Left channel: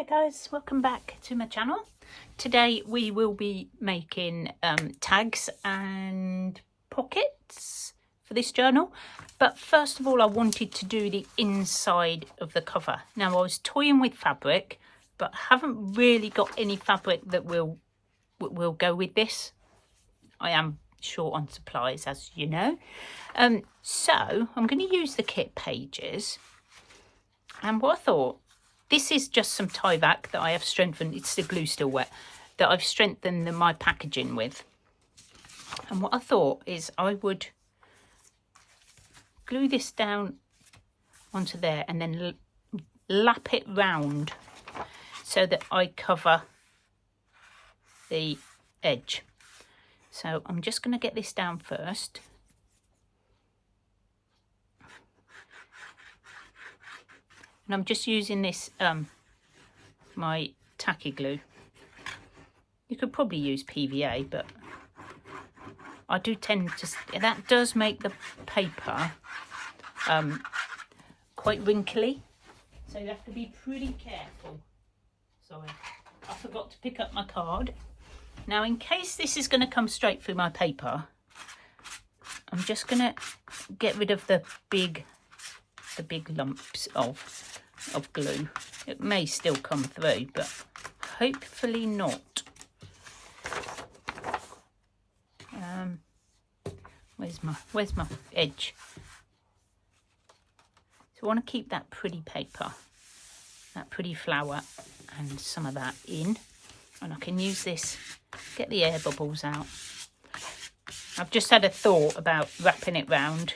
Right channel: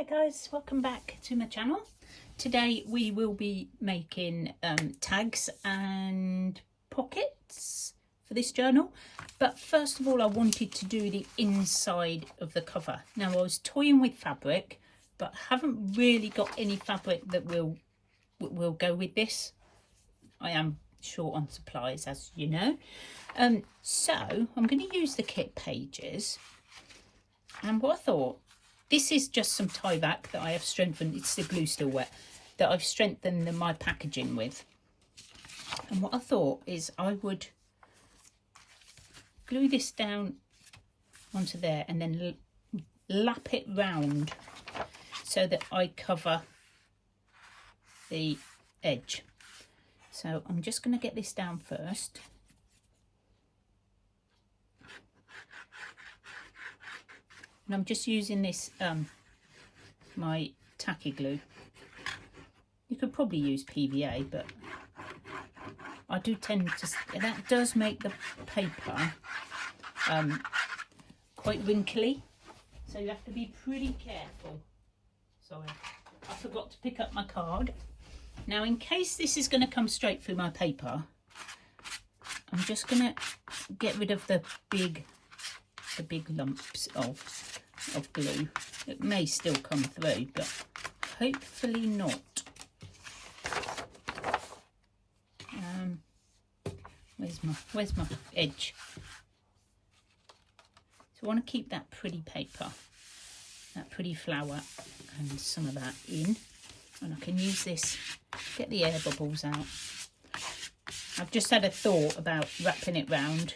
Hey guys, welcome back to my channel. Today we will be making tags and pockets for this journal, but first of all I wanted to do the inside of the cover. Now I was toying with fabric, but haven't really got any fabric that will go with this. I am short on supplies, as you know, so I'm going to use the kit pages. And what I thought, this is just some tie-back that I have strengthened. It's the glue still wet, that I've strengthened my packaging with. And what I thought is I would glue this down onto there and then lap it round so that I cover the edge. So I'm just going to get this down first. And I'm just using this, my tacky glue. You could probably use PVA, but I do tend to, that does make the paper quite wrinkly. So you have to be pretty careful. Sorry, I forgot to pick up my card. Now, in case this is going to come straight through my paper, I'm just going to get rid of the big lumps of glue. It may still come through, but hopefully not. Where's my edge? So I want to keep that pretty paper, that pretty flower, and some of that in, and I can use this, get the air bubbles out. I've just had a thought about wrapping it round,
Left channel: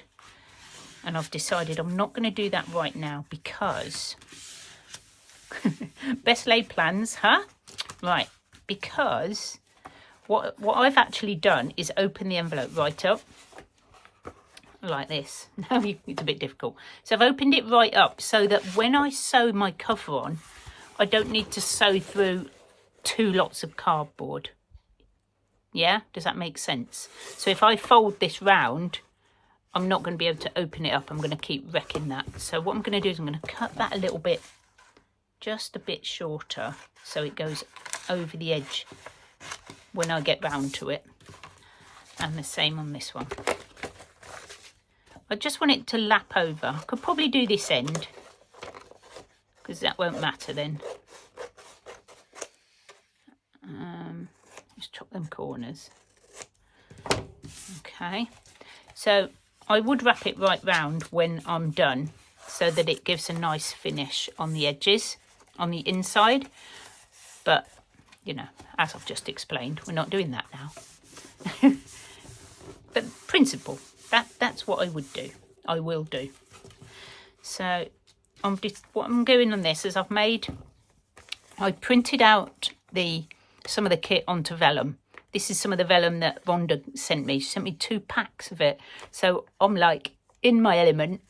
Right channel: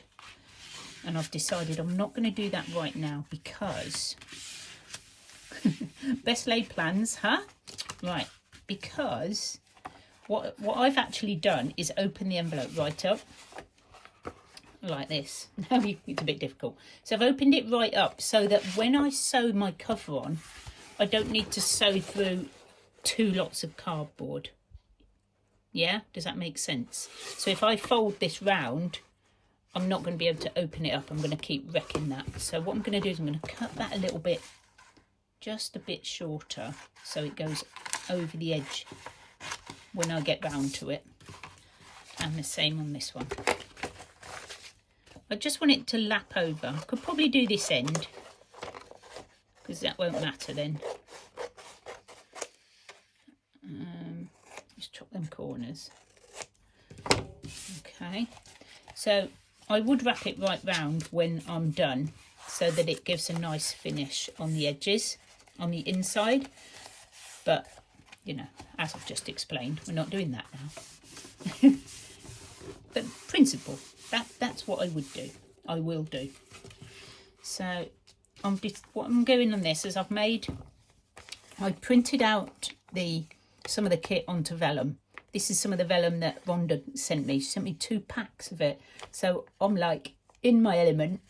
and I've decided I'm not going to do that right now because best laid plans, huh? Right, because what I've actually done is open the envelope right up like this. Now it's a bit difficult. So I've opened it right up so that when I sew my cover on, I don't need to sew through 2 lots of cardboard. Yeah, does that make sense? So if I fold this round, I'm not going to be able to open it up. I'm going to keep wrecking that. So what I'm going to do is I'm going to cut that a little bit, just a bit shorter, so it goes over the edge when I get round to it. And the same on this one. I just want it to lap over. I could probably do this end, because that won't matter then. Just chop them corners. Okay. So I would wrap it right round when I'm done so that it gives a nice finish on the edges, on the inside. But, you know, as I've just explained, we're not doing that now. But principle, that's what I would do. I will do. So what I'm doing on this is I printed out some of the kit onto vellum. This is some of the vellum that Rhonda sent me. She sent me 2 packs of it. So I'm like in my element.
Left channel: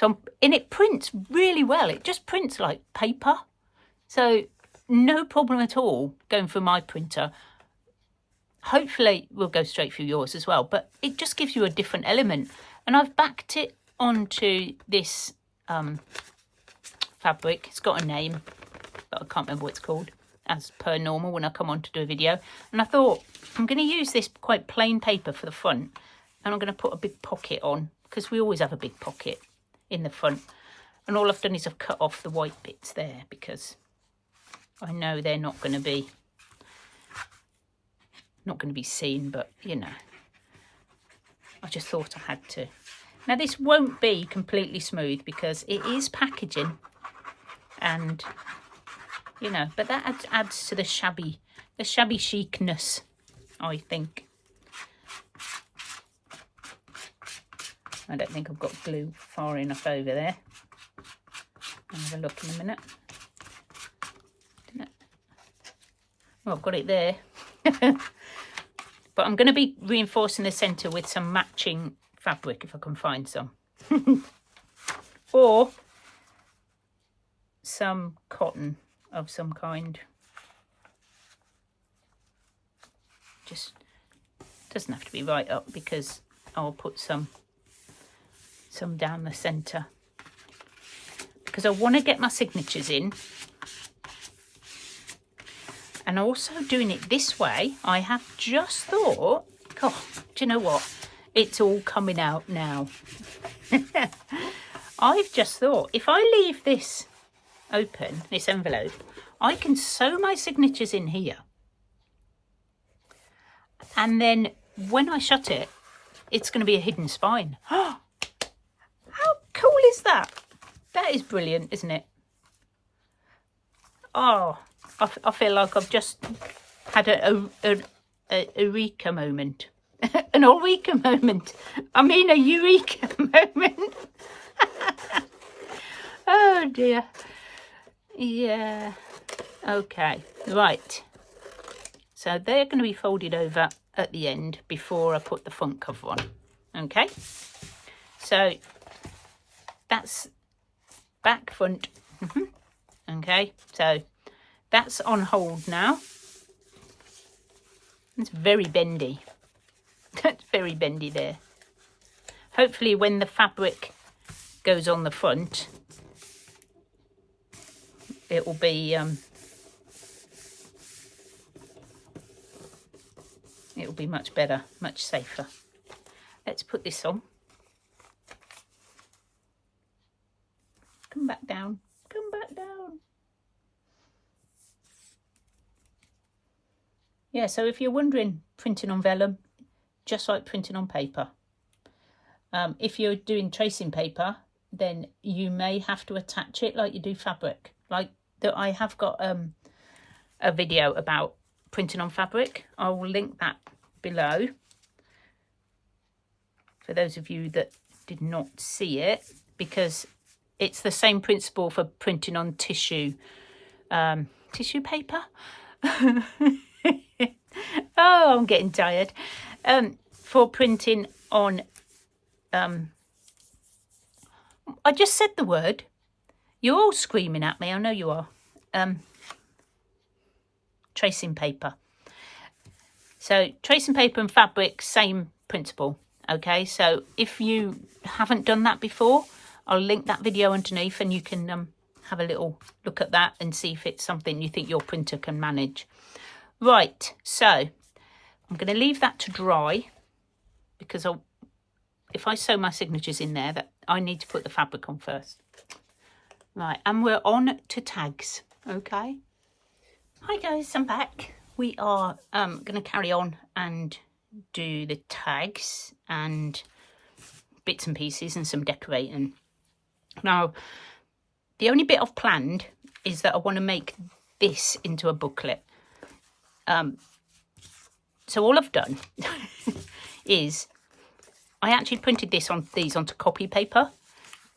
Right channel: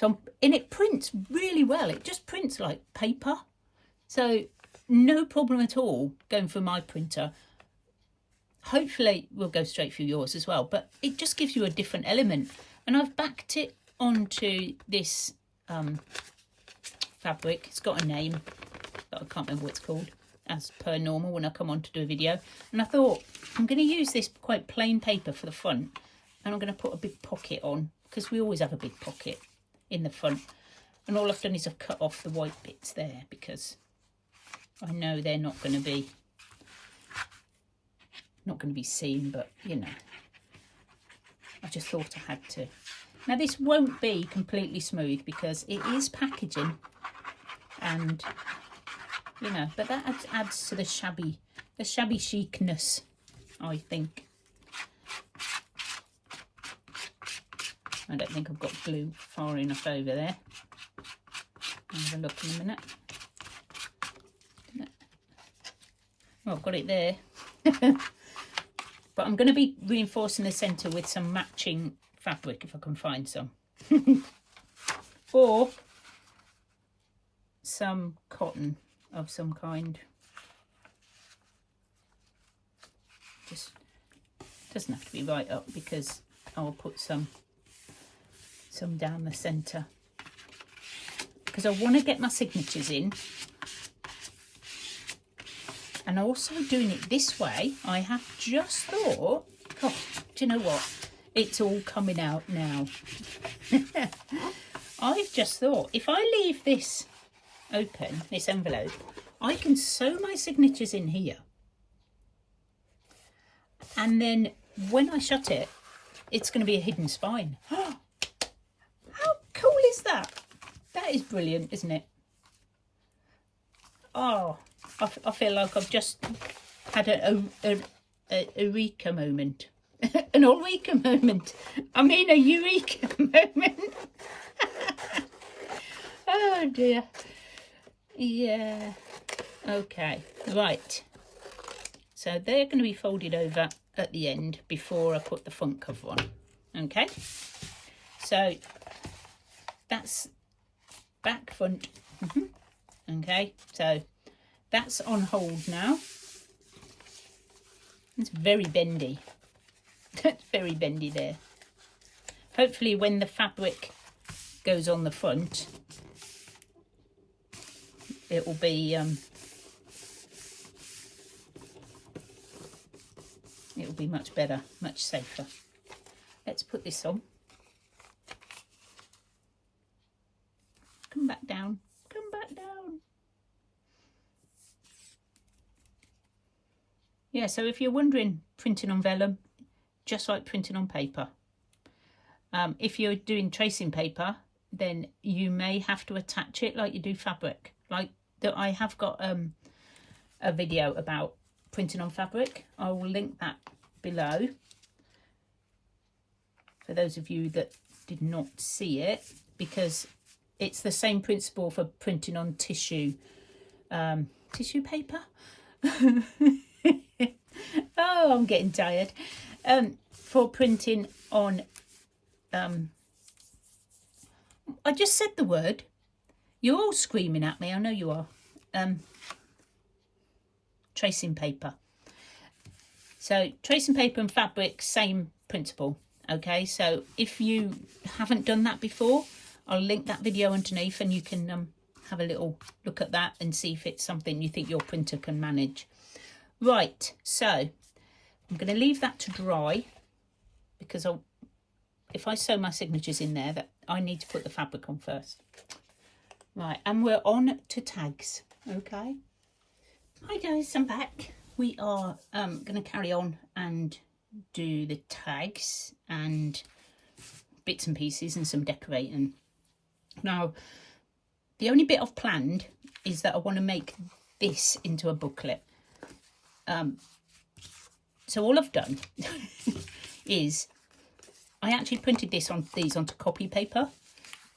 And it prints really well. It just prints like paper. So no problem at all going through my printer. Hopefully we'll go straight through yours as well. But it just gives you a different element. And I've backed it onto this fabric. It's got a name, but I can't remember what it's called, as per normal when I come on to do a video. And I thought I'm going to use this quite plain paper for the front, and I'm going to put a big pocket on, because we always have a big pocket in the front. And all I've done is I've cut off the white bits there, because I know they're not going to be seen, but you know, I just thought I had to. Now this won't be completely smooth because it is packaging, and you know, but that adds to the shabby chicness, I think. I don't think I've got glue far enough over there. I'll have a look in a minute. Well, I've got it there. But I'm going to be reinforcing the centre with some matching fabric if I can find some. Or some cotton of some kind. Just doesn't have to be right up, because I'll put some down the centre, because I want to get my signatures in And also doing it this way, I have just thought, God, do you know what? It's all coming out now. I've just thought, if I leave this open, this envelope, I can sew my signatures in here. And then when I shut it, it's going to be a hidden spine. How cool is that? That is brilliant, isn't it? Oh, I feel like I've just had a eureka moment. An eureka moment. I mean a eureka moment. Oh dear. Yeah. Okay. Right. So they're going to be folded over at the end before I put the front cover on. Okay. So that's back, front. Okay. So that's on hold now. It's very bendy. That's very bendy there. Hopefully when the fabric goes on the front, it will be much better, much safer. Let's put this on. Come back down. Come back down. Yeah, so if you're wondering, printing on vellum, just like printing on paper. If you're doing tracing paper, then you may have to attach it like you do fabric. Like that, I have got a video about printing on fabric. I will link that below for those of you that did not see it, because it's the same principle for printing on tissue paper. Oh, I'm getting tired. For printing on I just said the word. You're all screaming at me, I know you are. Tracing paper. So tracing paper and fabric, same principle. Okay, so if you haven't done that before, I'll link that video underneath and you can have a little look at that and see if it's something you think your printer can manage. Right, so I'm going to leave that to dry, because if I sew my signatures in there, that I need to put the fabric on first. Right, and we're on to tags. Okay. Hi guys, I'm back. We are going to carry on and do the tags and bits and pieces and some decorating. Now, the only bit I've planned is that I want to make this into a booklet. So all I've done is I actually printed these onto copy paper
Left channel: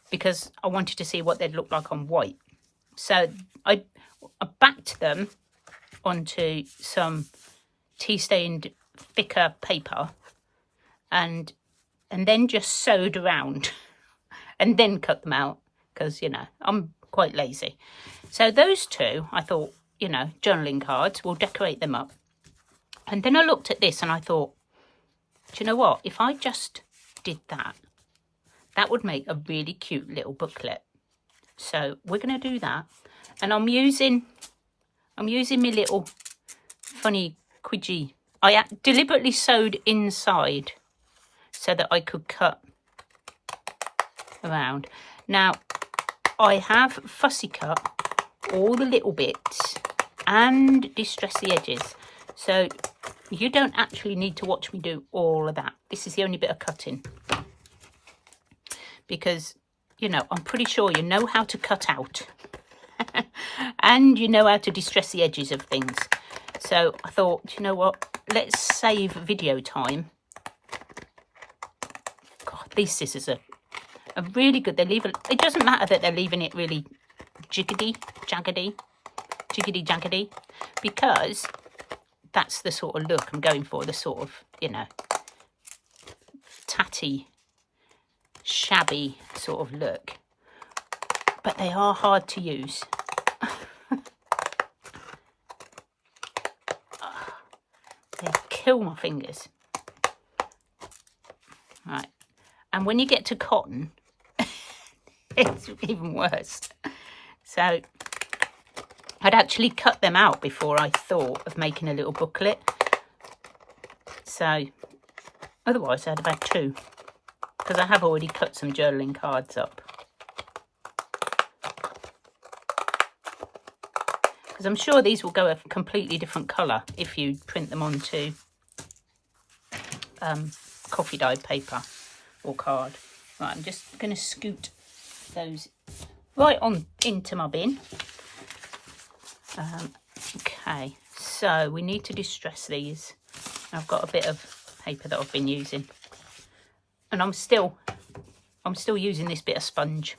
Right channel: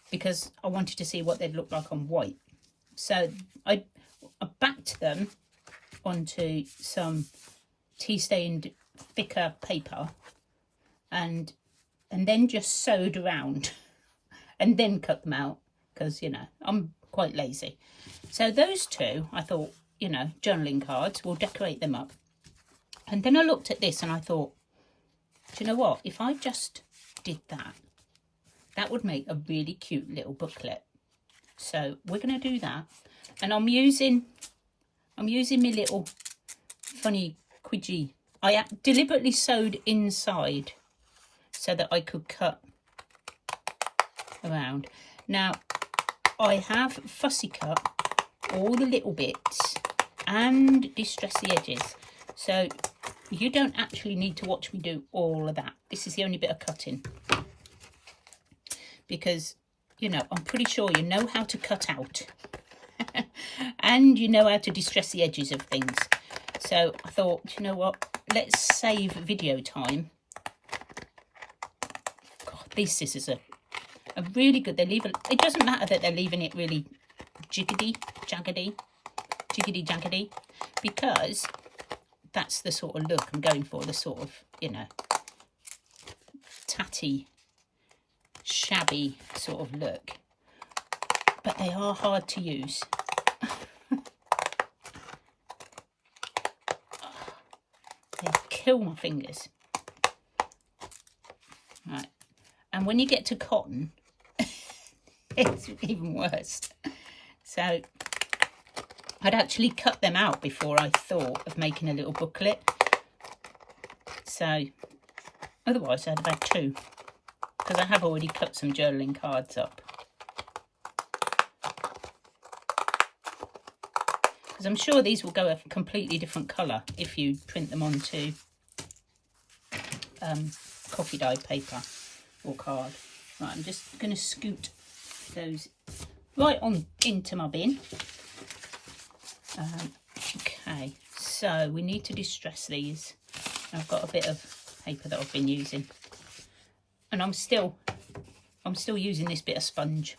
because I wanted to see what they'd look like on white. So I backed them onto some tea stained thicker paper and then just sewed around and then cut them out, because, you know, I'm quite lazy. So those two, I thought, you know, journaling cards, we'll decorate them up. And then I looked at this and I thought, do you know what? If I just did that, that would make a really cute little booklet. So we're going to do that. And I'm using my little funny quidgy. I deliberately sewed inside so that I could cut around. Now, I have fussy cut all the little bits and distress the edges. So you don't actually need to watch me do all of that. This is the only bit of cutting. Because, you know, I'm pretty sure you know how to cut out. And you know how to distress the edges of things. So I thought, you know what? Let's save video time. God, these scissors are really good. They leave it doesn't matter that they're leaving it really jiggity jaggedy, because that's the sort of look I'm going for, the sort of, you know, tatty, shabby sort of look. But they are hard to use. They kill my fingers. Right. And when you get to cotton, it's even worse. So I'd actually cut them out before I thought of making a little booklet. So otherwise I'd have had 2, because I have already cut some journaling cards up. Because I'm sure these will go a completely different colour if you print them onto coffee dyed paper or card. Right, I'm just going to scoot those right on into my bin. Okay, so we need to distress these. I've got a bit of paper that I've been using, and I'm still using this bit of sponge.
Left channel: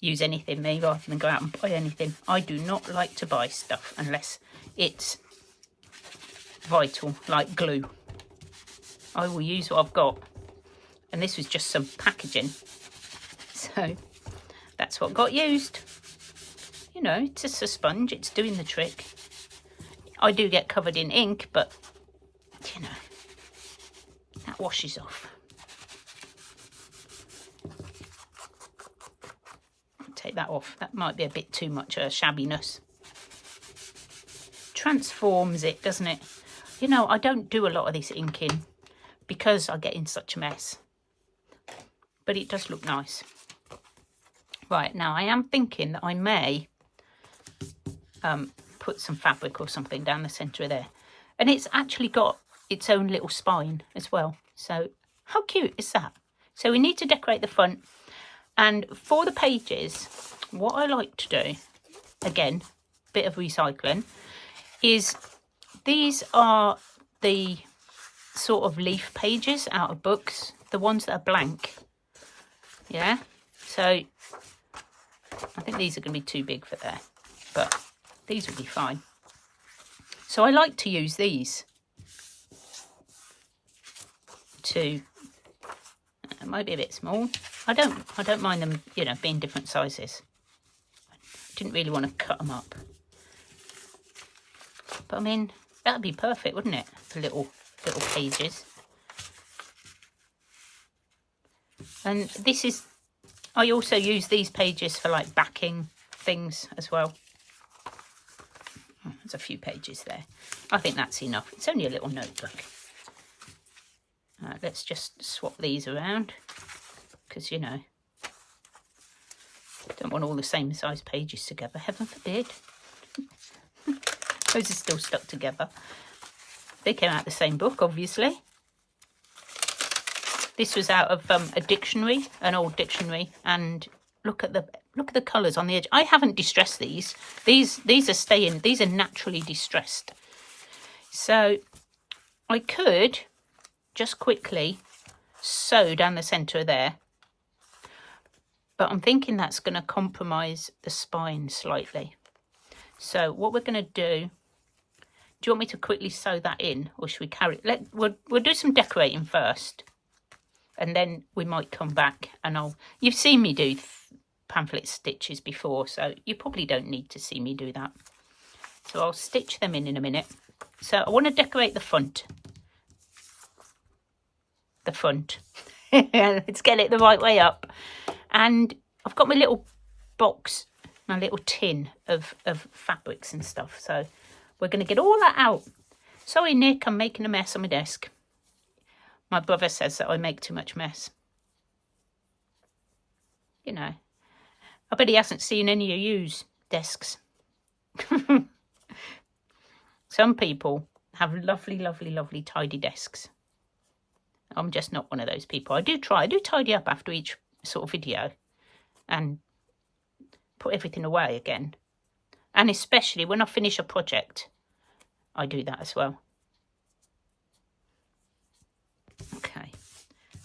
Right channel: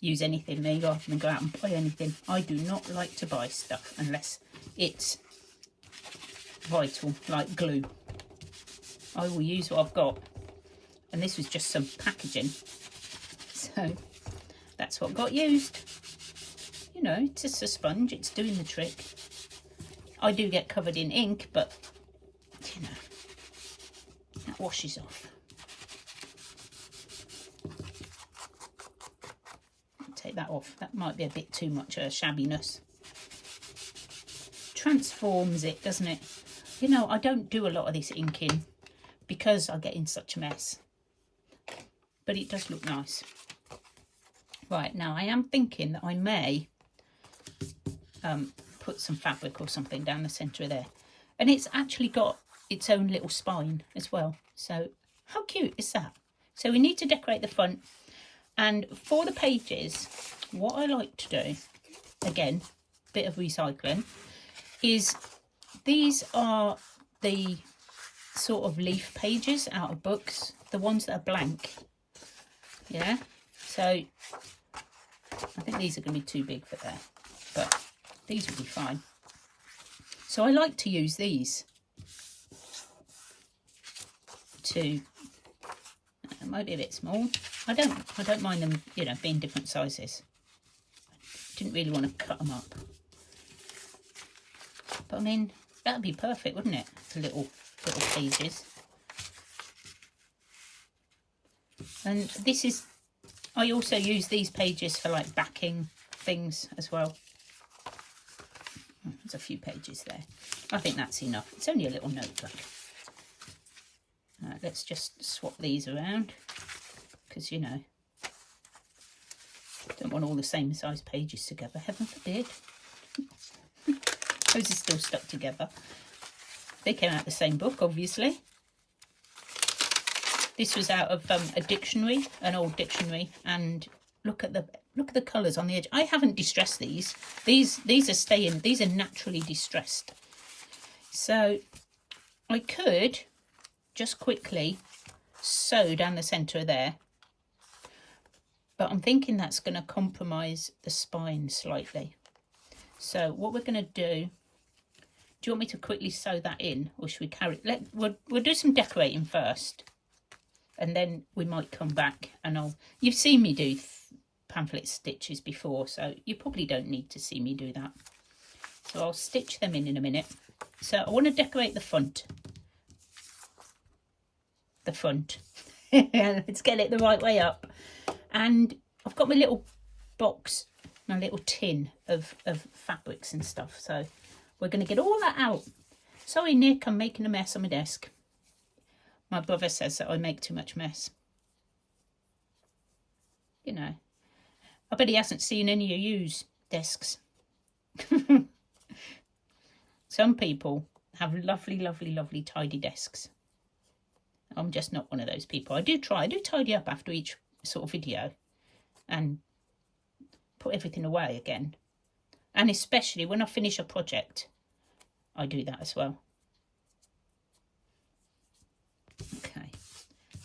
Use anything me rather than go out and buy anything. I do not like to buy stuff unless it's vital, like glue. I will use what I've got, and this was just some packaging, so that's what got used. You know, it's just a sponge, it's doing the trick. I do get covered in ink, but you know, that washes off. Take that off. That might be a bit too much shabbiness. Transforms it, doesn't it? You know, I don't do a lot of this inking because I get in such a mess. But it does look nice. Right, now I am thinking that I may put some fabric or something down the centre of there. And it's actually got its own little spine as well. So how cute is that? So we need to decorate the front. And for the pages, what I like to do, again, bit of recycling, is these are the sort of leaf pages out of books, the ones that are blank. Yeah, so I think these are going to be too big for there, but these will be fine. So I like to use these to, it might be a bit small. I don't mind them, you know, being different sizes. Didn't really want to cut them up, but I mean, that'd be perfect, wouldn't it? The little pages. And this is, I also use these pages for like backing things as well. There's a few pages there. I think that's enough. It's only a little notebook. Let's just swap these around, because, you know, don't want all the same size pages together, heaven forbid. Those are still stuck together. They came out the same book, obviously. This was out of a dictionary, an old dictionary, and look at the colours on the edge. I haven't distressed these. These are staying. These are naturally distressed. So I could just quickly sew down the centre of there, but I'm thinking that's going to compromise the spine slightly. So what we're going to do you want me to quickly sew that in, or should we carry it? We'll do some decorating first, and then we might come back and you've seen me do pamphlet stitches before, so you probably don't need to see me do that. So I'll stitch them in a minute. So I want to decorate the front. Let's get it the right way up. And I've got my little box, my little tin of fabrics and stuff, so we're going to get all that out. Sorry, Nick, I'm making a mess on my desk. My brother says that I make too much mess. You know, I bet he hasn't seen any of you's desks. Some people have lovely, lovely, lovely tidy desks. I'm just not one of those people. I do tidy up after each sort of video and put everything away again. And especially when I finish a project, I do that as well. Okay,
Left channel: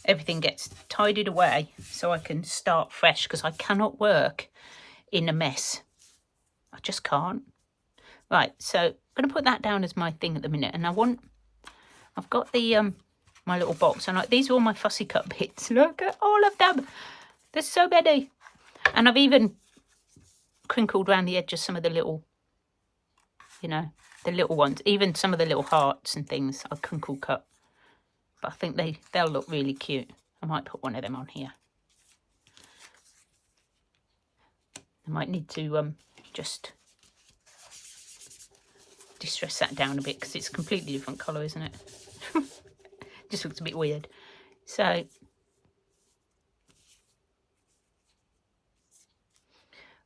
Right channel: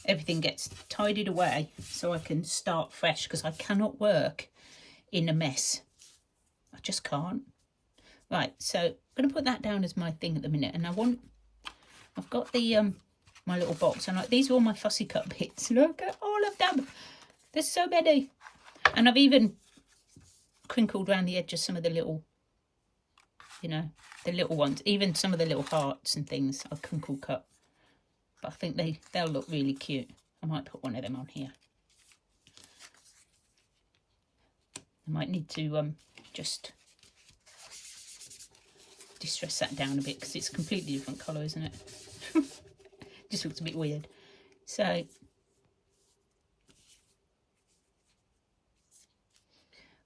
everything gets tidied away so I can start fresh, because I cannot work in a mess. I just can't. Right, so I'm going to put that down as my thing at the minute, and I've got the my little box, and these are all my fussy cut bits. Look at all of them. There's so many, and I've even crinkled around the edge of some of the little, you know, the little ones. Even some of the little hearts and things I've crinkle cut. But I think they'll look really cute. I might put one of them on here. I might need to just distress that down a bit because it's a completely different colour, isn't it? Just looks a bit weird. So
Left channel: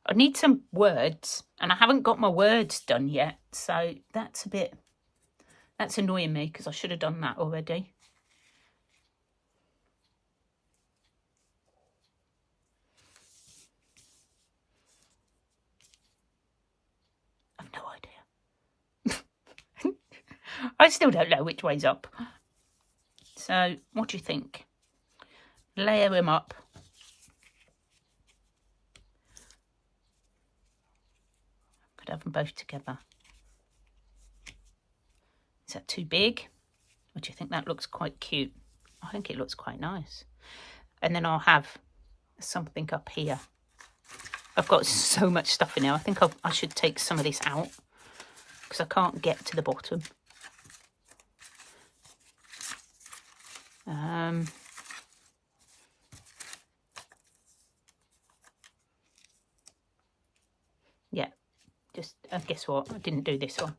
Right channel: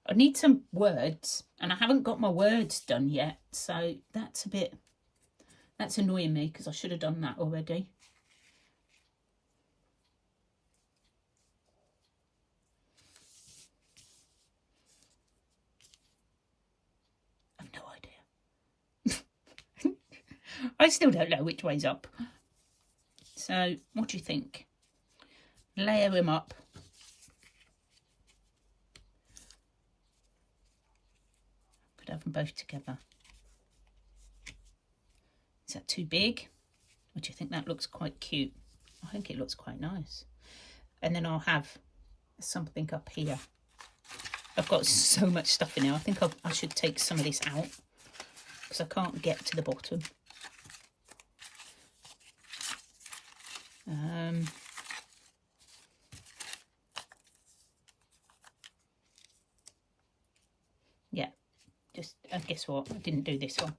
I need some words, and I haven't got my words done yet, so that's annoying me because I should have done that already. I've no idea. I still don't know which way's up. So what do you think? Layer them up. Could have them both together. Is that too big? Or do you think that looks quite cute? I think it looks quite nice. And then I'll have something up here. I've got so much stuff in there. I think I should take some of this out because I can't get to the bottom. Yeah, just guess what? I didn't do this one.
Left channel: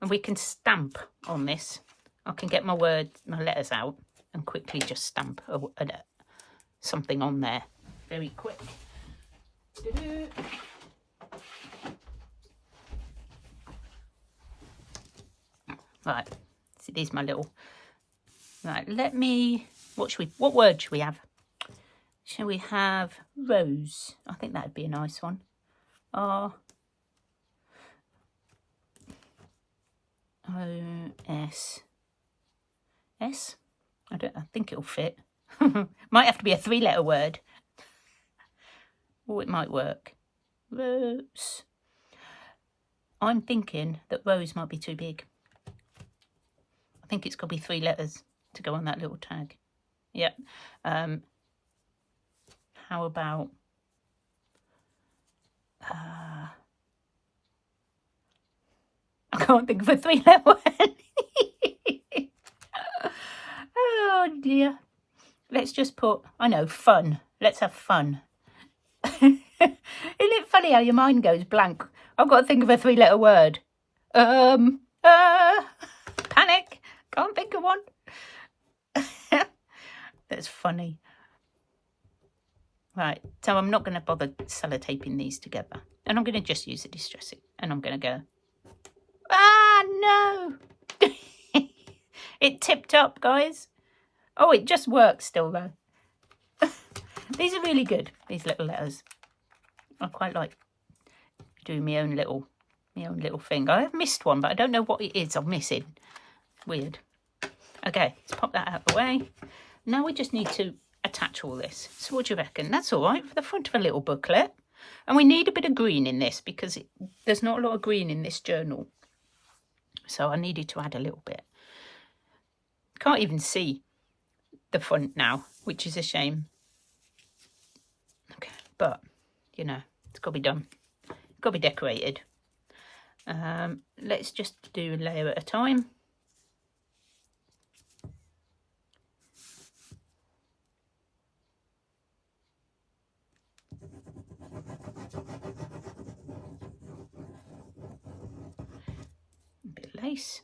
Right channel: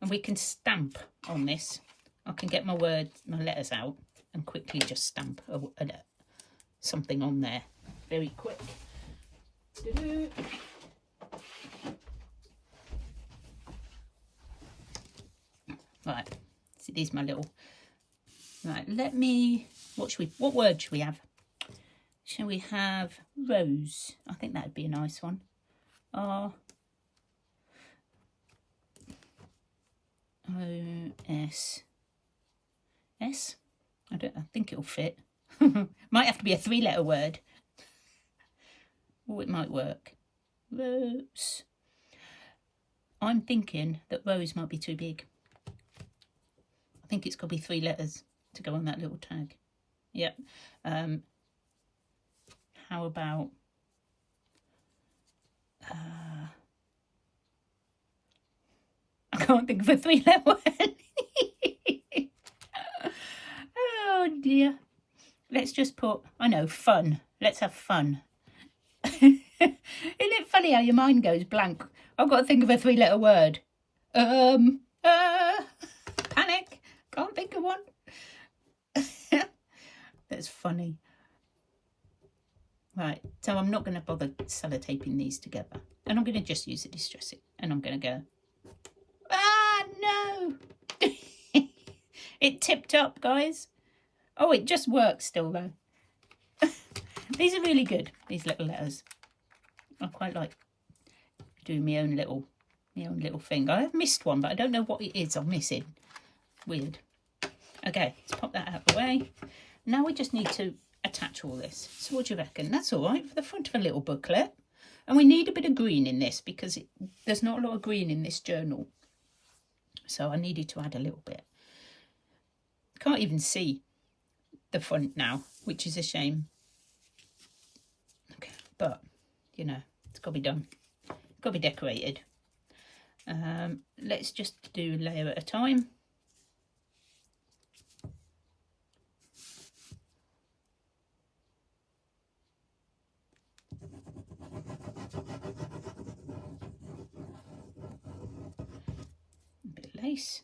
And we can stamp on this. I can get my letters out and quickly just stamp something on there very quick. Right, so these are my little. Right, what word should we have? Shall we have rose? I think that would be a nice one. R-O-S. S? I think it'll fit. Might have to be a 3-letter word. Oh, it might work. Rose. I'm thinking that rose might be too big. I think it's got to be 3 letters to go on that little tag. Yep. How about I can't think of a 3-letter word. Oh dear. Let's just put, I know, fun. Let's have fun. Isn't it funny how your mind goes blank? I've got to think of a 3-letter word. Panic. Can't think of one. That's funny. Right, so I'm not going to bother sellotaping these together. And I'm going to just use the distressing. And I'm going to go, no. It tipped up, guys. Oh, it just works still, though. These are really good, these little letters. I quite like doing my own little thing. I have missed one, but I don't know what it is I'm missing. Weird. Okay, let's pop that out of the way. Now we just need to attach all this. So what do you reckon? That's all right for the front of a little booklet. And we need a bit of green in this because there's not a lot of green in this journal. So I needed to add a little bit. Can't even see the front now, which is a shame. Okay, but, you know, it's got to be done. It's got to be decorated. Let's just do a layer at a time. A bit of lace.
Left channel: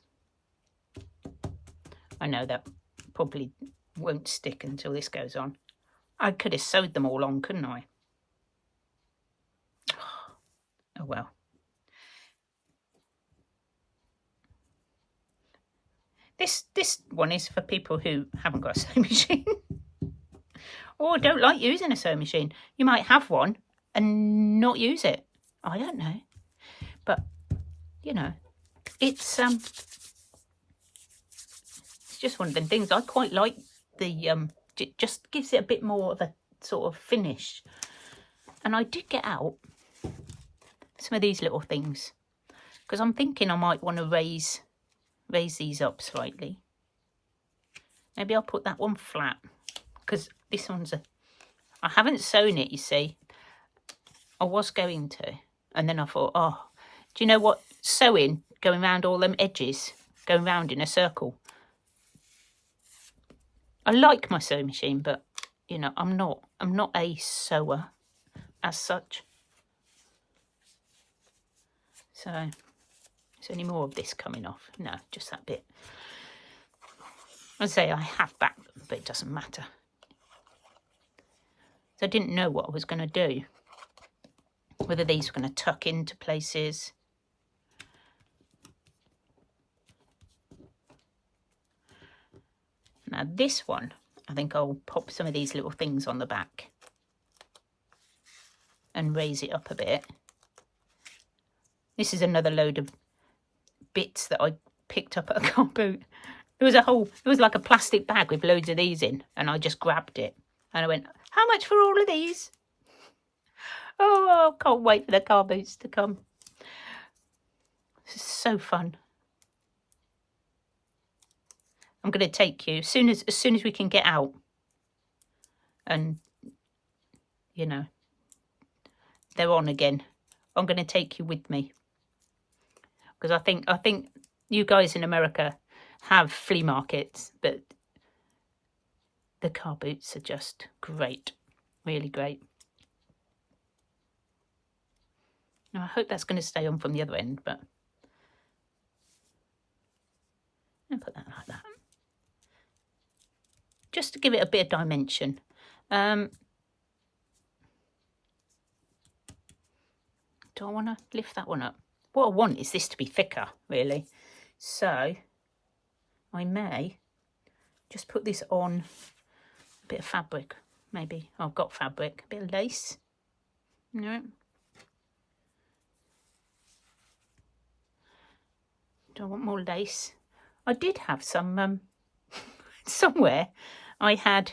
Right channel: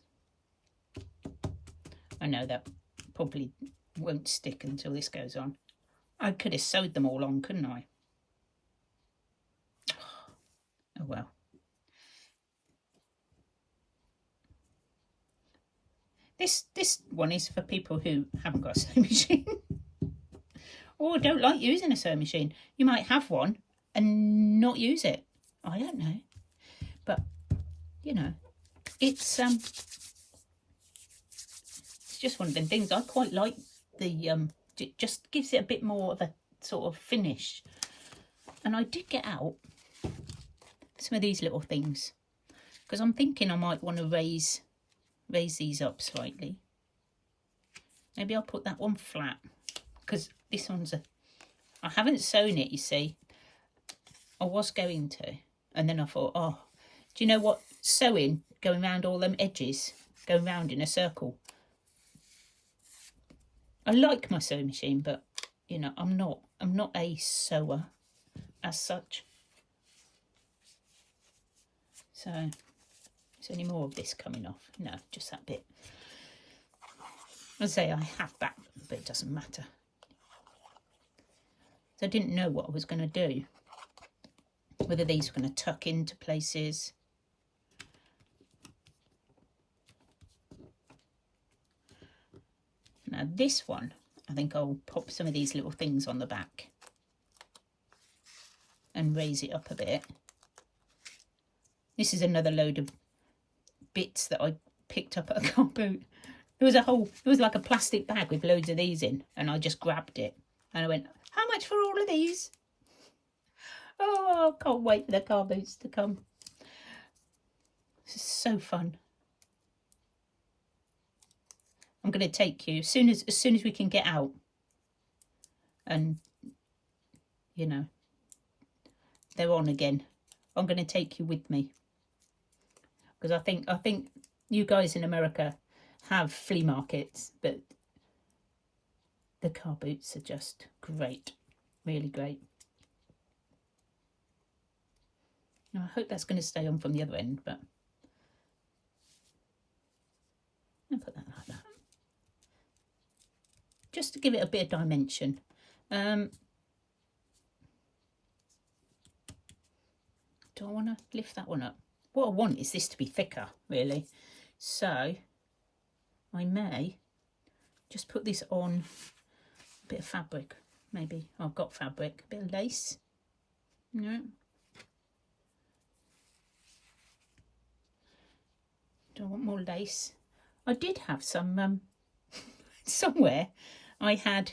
I know that probably won't stick until this goes on. I could have sewed them all on, couldn't I? Oh well. This one is for people who haven't got a sewing machine or don't like using a sewing machine. You might have one and not use it. I don't know, but you know, it's just one of them things. I quite like the it just gives it a bit more of a sort of finish. And I did get out some of these little things because I'm thinking I might want to raise these up slightly. Maybe I'll put that one flat because this one's I haven't sewn it, you see. I was going to, and then I thought, oh, do you know what? Sewing, going around all them edges, going round in a circle. I like my sewing machine, but you know, I'm not a sewer as such. So, is any more of this coming off? No, just that bit. I say I have back, but it doesn't matter. So I didn't know what I was going to do. Whether these were going to tuck into places. Now this one, I think I'll pop some of these little things on the back and raise it up a bit. This is another load of bits that I picked up at a car boot. There was like a plastic bag with loads of these in, and I just grabbed it and I went, how much for all of these? Oh, I can't wait for the car boots to come. This is so fun. I'm going to take you as soon as we can get out, and you know they're on again. I'm going to take you with me, because I think you guys in America have flea markets, but the car boots are just great, really great. Now I hope that's going to stay on from the other end, but I'll put that like that. Just to give it a bit of dimension. Do I want to lift that one up? What I want is this to be thicker, really. So I may just put this on a bit of fabric, maybe. Oh, I've got fabric, a bit of lace. No. Do I want more lace? I did have some somewhere. I had,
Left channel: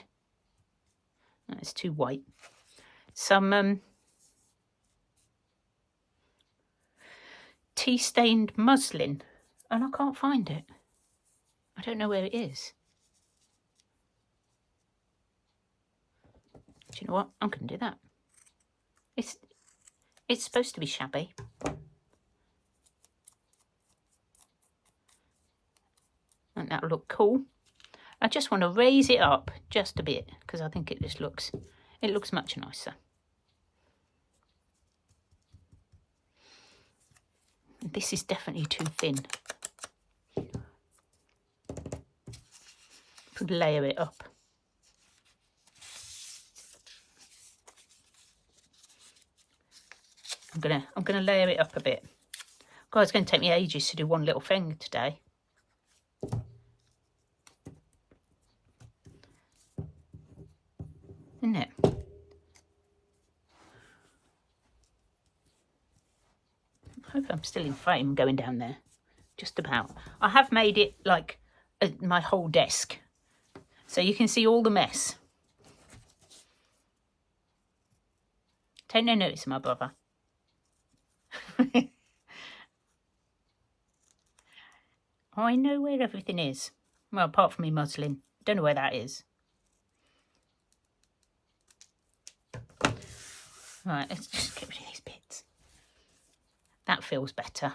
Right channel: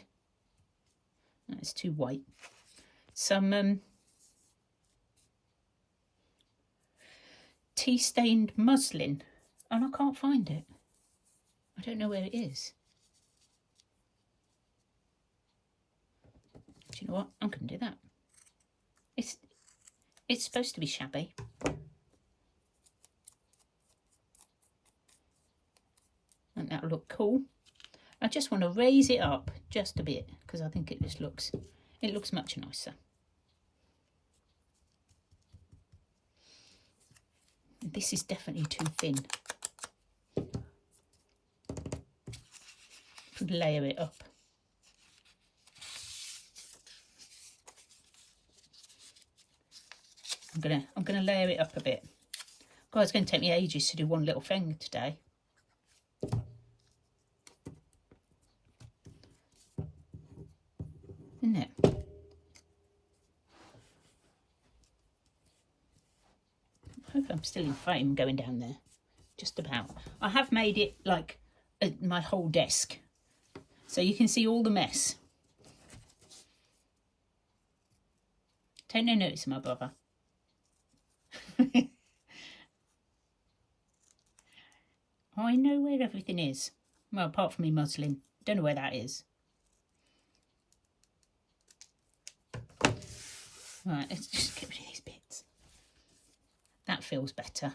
it's too white, some tea-stained muslin, and I can't find it. I don't know where it is. Do you know what? I'm going to do that. It's supposed to be shabby. And that'll look cool. I just want to raise it up just a bit, because I think it just looks much nicer. This is definitely too thin. Could layer it up. I'm gonna layer it up a bit. God, it's going to take me ages to do one little thing today. Isn't it? I hope I'm still in frame going down there. Just about. I have made it like my whole desk, so you can see all the mess. Take no notice of my brother. I know where everything is. Well, apart from me muslin. Don't know where that is. Right, let's just get rid of these bits. That feels better.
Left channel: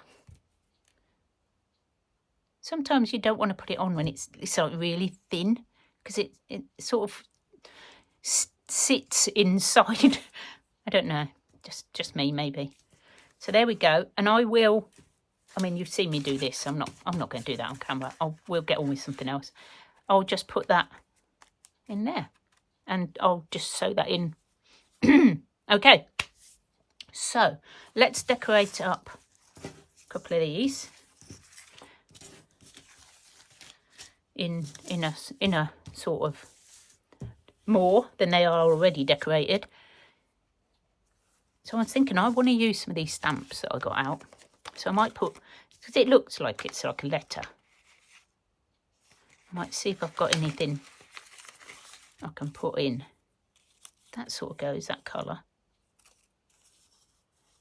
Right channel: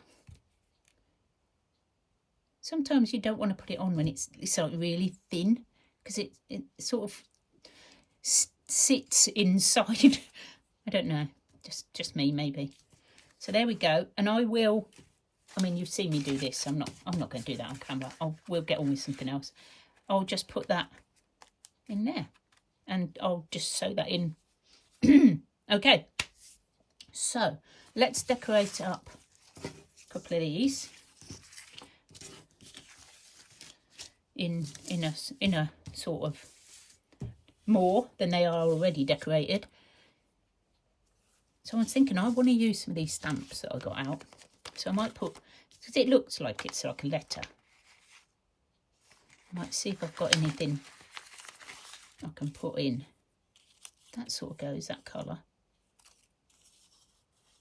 Sometimes you don't want to put it on when it's like really thin, because it sort of sits inside. I don't know, just me maybe. So there we go. And I will, I mean, you've seen me do this. I'm not going to do that on camera. We'll get on with something else. I'll just put that in there, and I'll just sew that in. Okay, so let's decorate up a couple of these in a sort of more than they are already decorated. So I was thinking I want to use some of these stamps that I got out. So I might put, because it looks like it's like a letter. I might see if I've got anything I can put in. That sort of goes, that colour.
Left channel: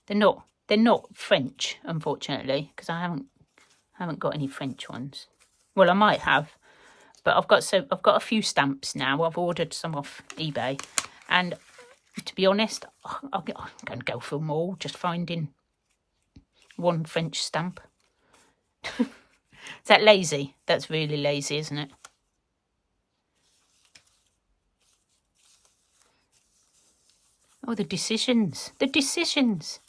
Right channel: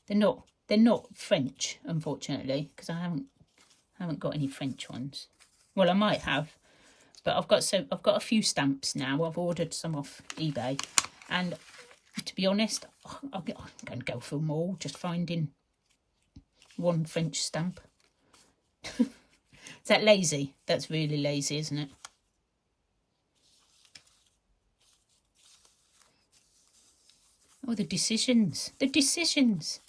They're not French, unfortunately, because I haven't got any French ones. Well, I might have, but I've got a few stamps now. I've ordered some off eBay, and to be honest, I'm going to go for them all, just finding one French stamp. Is that lazy? That's really lazy, isn't it? Oh, the decisions. The decisions.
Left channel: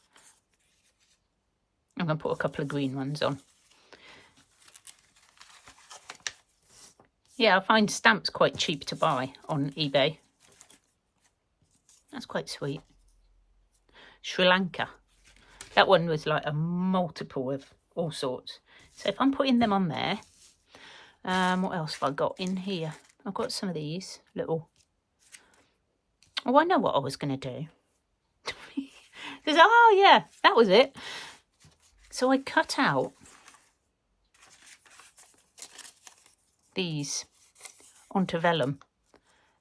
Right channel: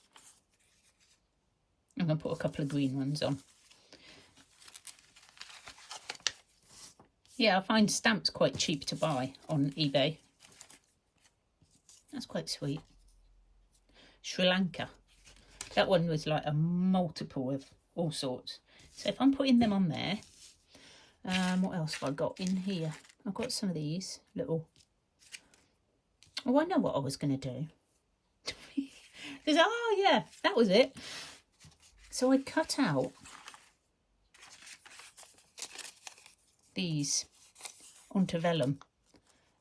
I'm going to put a couple of green ones on. Yeah, I find stamps quite cheap to buy on eBay. That's quite sweet. Sri Lanka. That one was like a multiple of all sorts. So if I'm putting them on there, what else have I got in here? I've got some of these little... Oh, I know what I was going to do. Oh, yeah, that was it. So I cut out these onto vellum.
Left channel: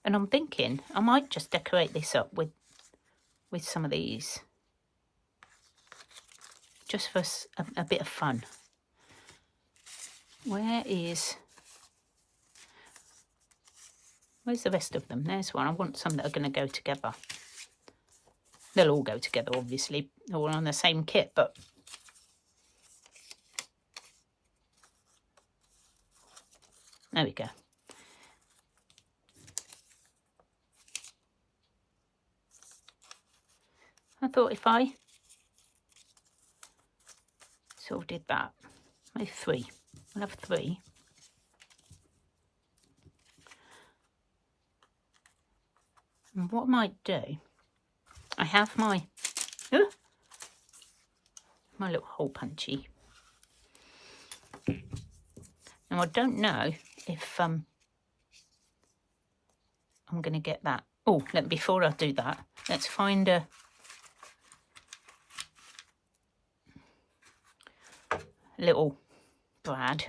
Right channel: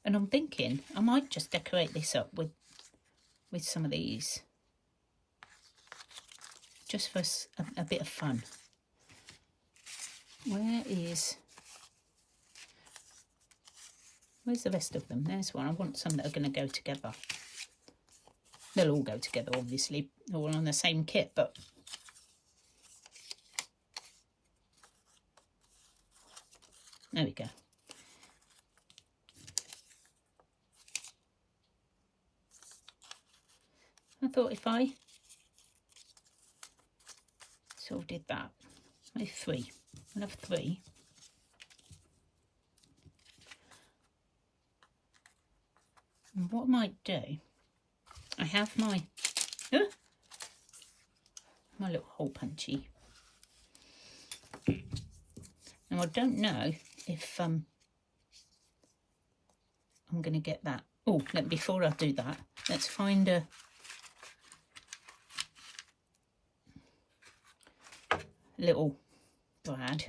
And I'm thinking I might just decorate this up with some of these. Just for a bit of fun. Where's the rest of them? There's one. I want some that are going to go together. They'll all go together, obviously, all on the same kit, but there we go. I thought if I sort of did that, maybe 3. I'll have 3. And what I might do, I have my little hole punchy. Now I don't know if I'm going to get that. Oh, before I do that, let's find a little brad.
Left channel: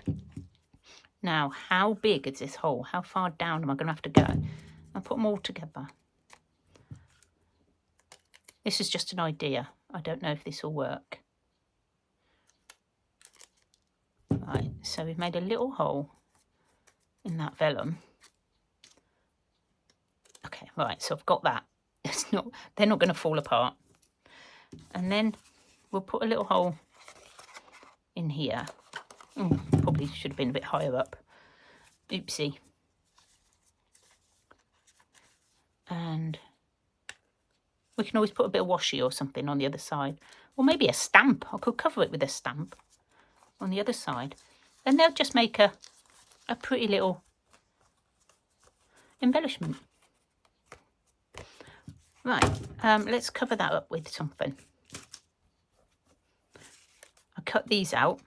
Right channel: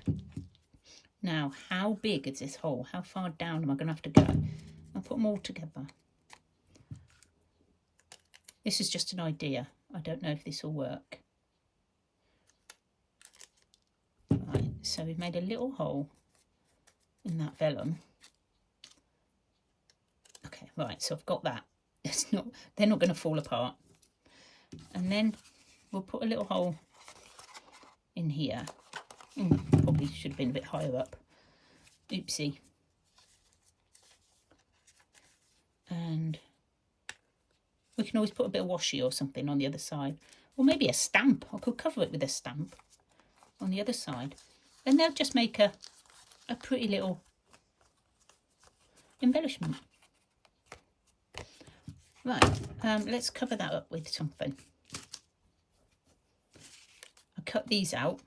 Now, how big is this hole? How far down am I going to have to go? I'll put them all together. This is just an idea. I don't know if this will work. Right, so we've made a little hole in that vellum. Okay, right, so I've got that. They're not going to fall apart. And then we'll put a little hole in here. Probably should have been a bit higher up. Oopsie. And we can always put a bit of washi or something on the other side. Or maybe a stamp. I could cover it with a stamp on the other side. And they'll just make a pretty little embellishment. Right, let's cover that up with something. I cut these out.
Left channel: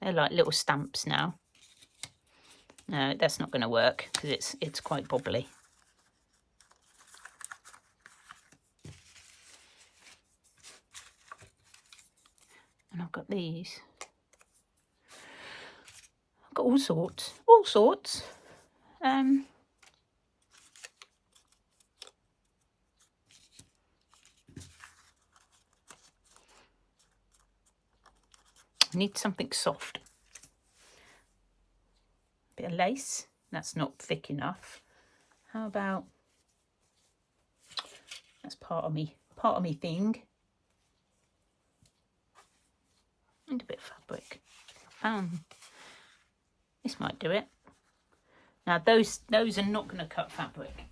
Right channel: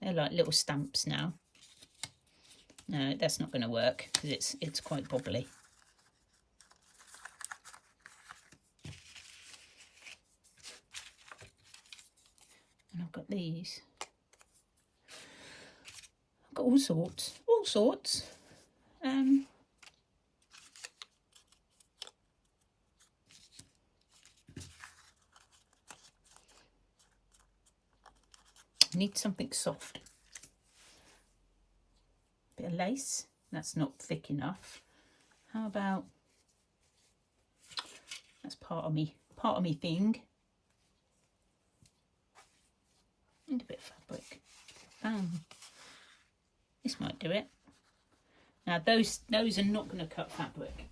They're like little stamps now. No, that's not going to work because it's quite bobbly. And I've got these. I've got all sorts. I need something soft. Bit of lace. That's not thick enough. How about, that's part of me thing. And a bit of fabric. This might do it. Now those are not going to cut fabric.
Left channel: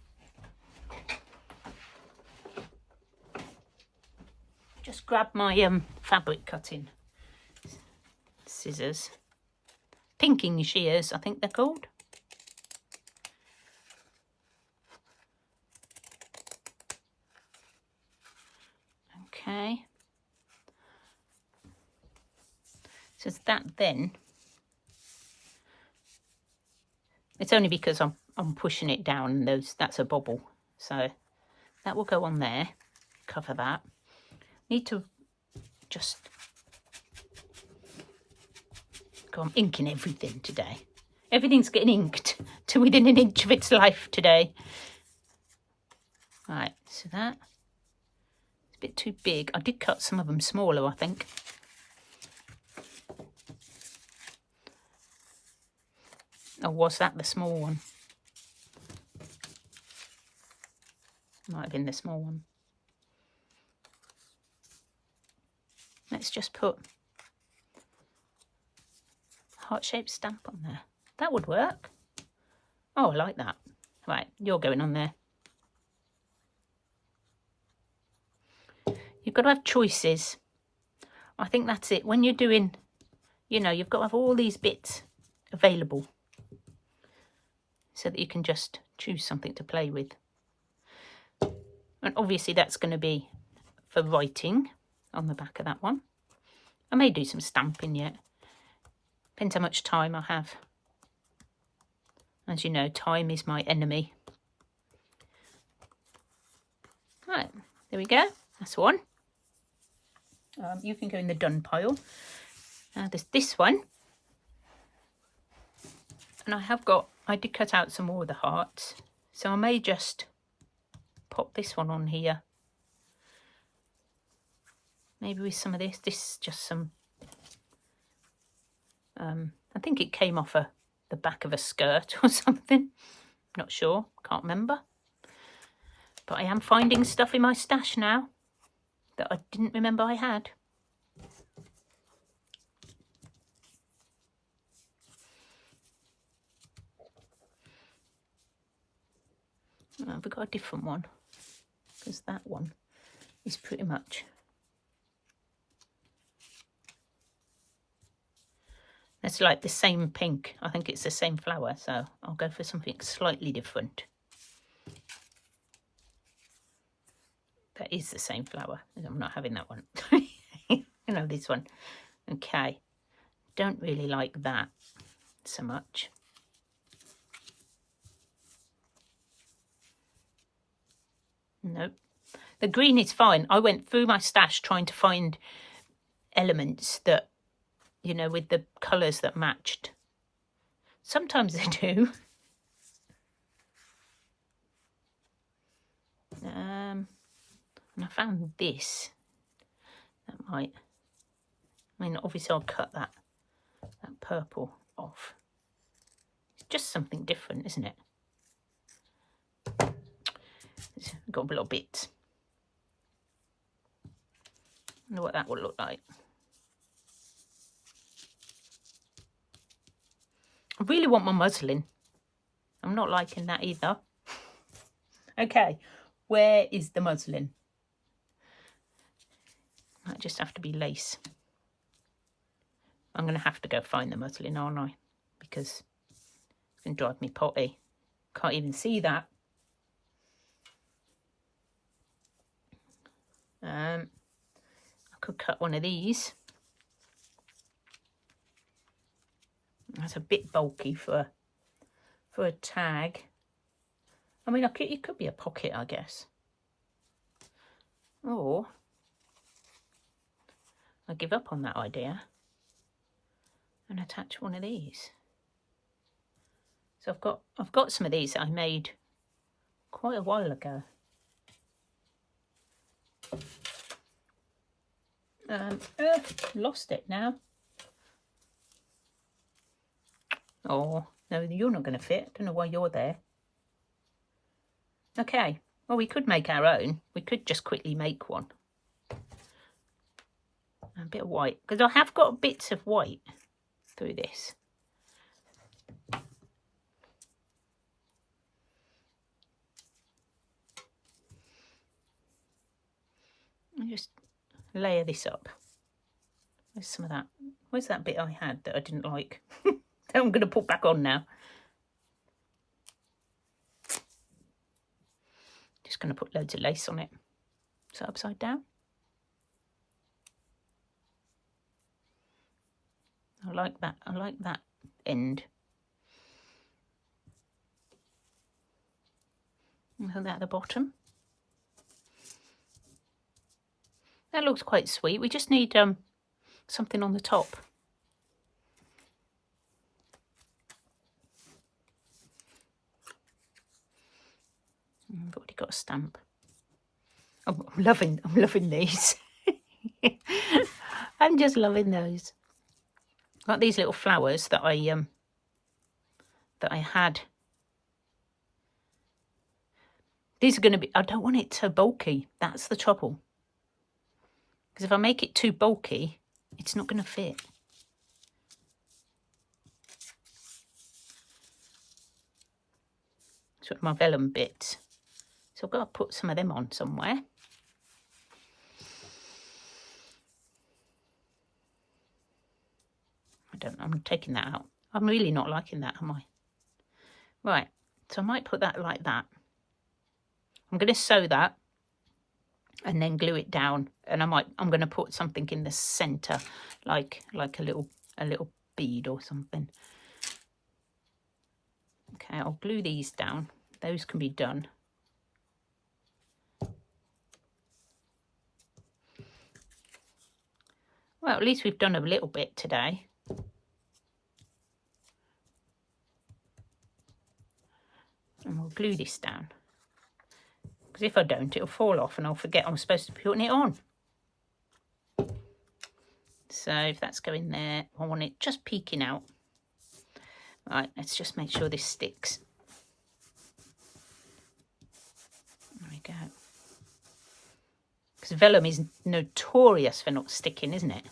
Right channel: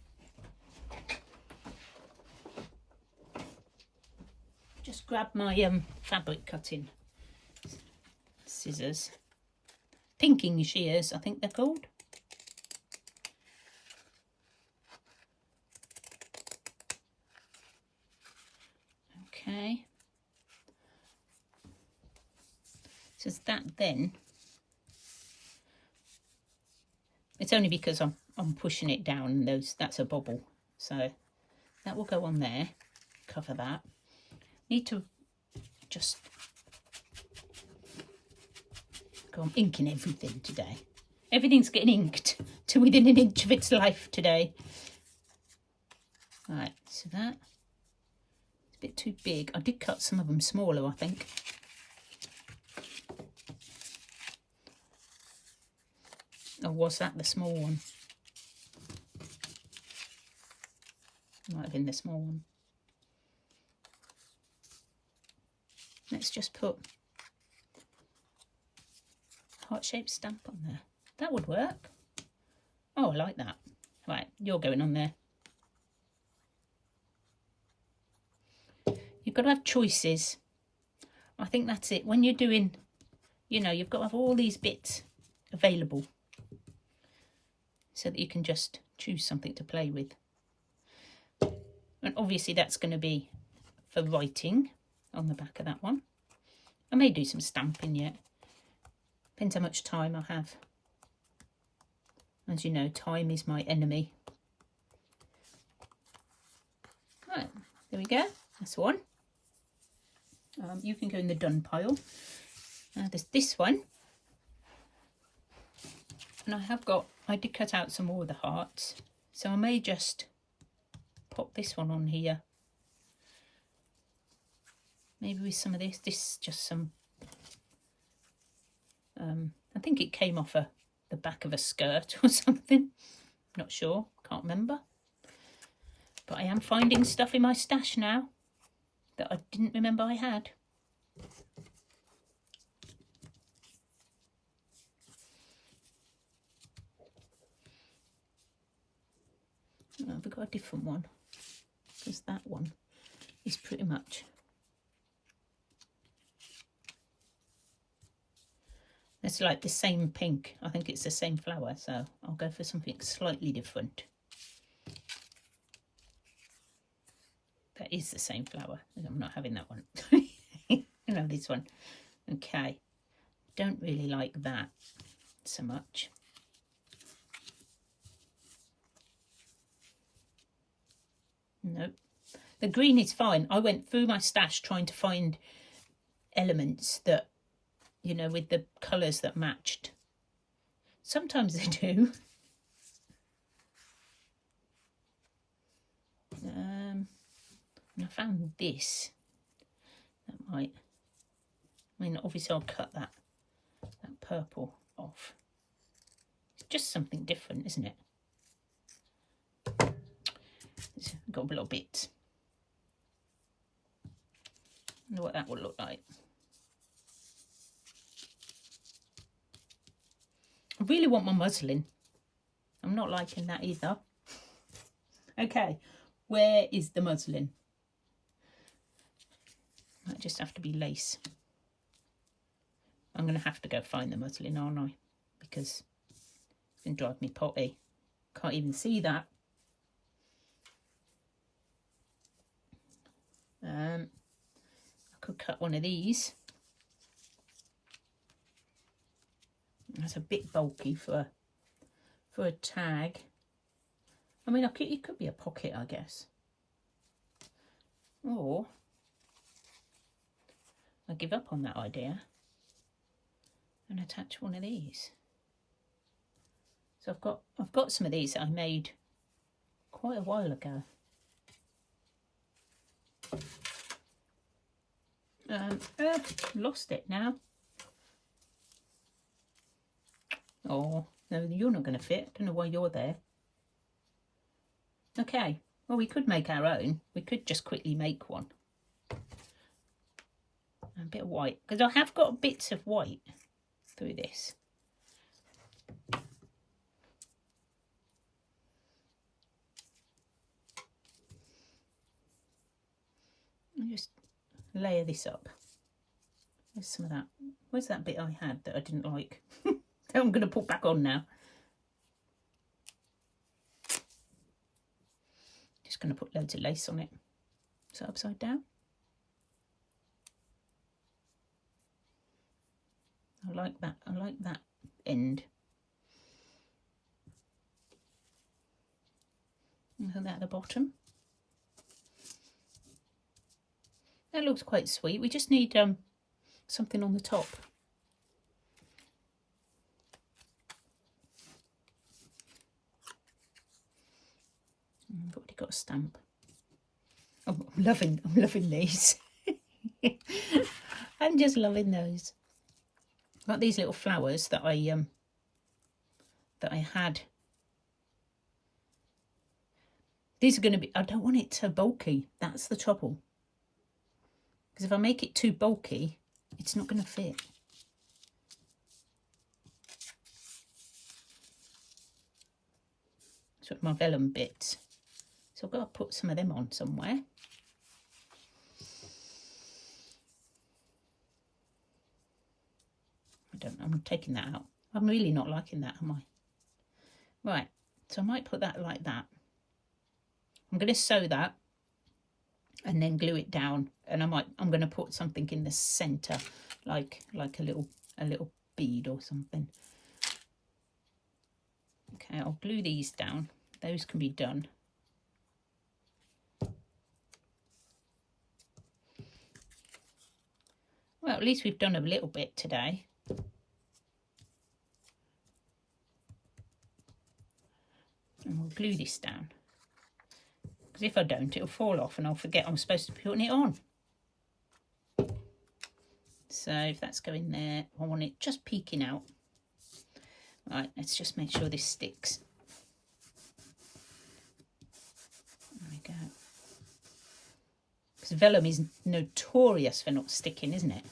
Just grab my fabric cutting scissors. Pinking shears, I think they're called. Okay. So that then, it's only because I'm pushing it down, and that's a bobble. So that will go on there, cover that. Need to just I'm inking everything today. Everything's getting inked to within an inch of its life today. Right, so that's a bit too big. I did cut some of them smaller, I think. Or was that the small one? Might have been the small one. Let's just put heart-shaped stamp on there. That would work. Oh, I like that. Right, you're going on there. You've got to have choices. I think that's it. When you're doing, you know, you've got to have all these bits available so that you can just choose something to play with. And obviously that's going to be for writing on the back of that one. I may do some stamping yet. Depends how much time I have. As you know, time is my enemy. Right, there we go. That's one. You can go in the done pile. There's this one. And I did cut out some more of the hearts. So I may just pop this one on here. Maybe with some of this. This is just some... I think it came off the back of a skirt or something. Not sure. Can't remember. But I am finding stuff in my stash now that I didn't remember I had. I've got a different one, because that one is pretty much... It's like the same pink. I think it's the same flower, so I'll go for something slightly different. That is the same flower. I'm not having that one. You know, this one. Okay. Don't really like that so much. Nope. The green is fine. I went through my stash trying to find elements that, you know, with the colours that matched. Sometimes they do. And I found this. That might... I mean, obviously I'll cut that purple off. It's just something different, isn't it? It's got a little bit. I wonder what that would look like. I really want my muslin. I'm not liking that either. Okay, where is the muslin? Might just have to be lace. I'm going to have to go find the muslin, aren't I? Because it's going to drive me potty. Can't even see that. I could cut one of these. That's a bit bulky for a tag. I mean, it could be a pocket, I guess. Or I give up on that idea and attach one of these. So I've got some of these that I made quite a while ago. Lost it now. Oh, no, you're not going to fit. Don't know why you're there. Okay, well, we could make our own. We could just quickly make one. A bit of white, because I have got bits of white through this. I'll just layer this up. There's some of that. Where's that bit I had that I didn't like? That I'm going to put back on now. Just going to put loads of lace on it. So upside down. I like that. I like that end. And put that at the bottom. That looks quite sweet. We just need something on the top. I've already got a stamp. Oh, I'm loving these. I'm just loving those. Got these little flowers that I had. These are going to be, I don't want it too bulky. That's the trouble. Because if I make it too bulky, it's not going to fit. sort of my vellum bits. So I've got to put some of them on somewhere. I'm taking that out. I'm really not liking that, am I? Right, so I might put that like that. I'm going to sew that and then glue it down, and I'm going to put something in the center, like a little bead or something. Okay, I'll glue these down. Those can be done. Well, at least we've done a little bit today. And we'll glue this down, because if I don't, it'll fall off and I'll forget I'm supposed to be putting it on. So if that's going there, I want it just peeking out. Right, let's just make sure this sticks. There we go. Because vellum is notorious for not sticking, isn't it?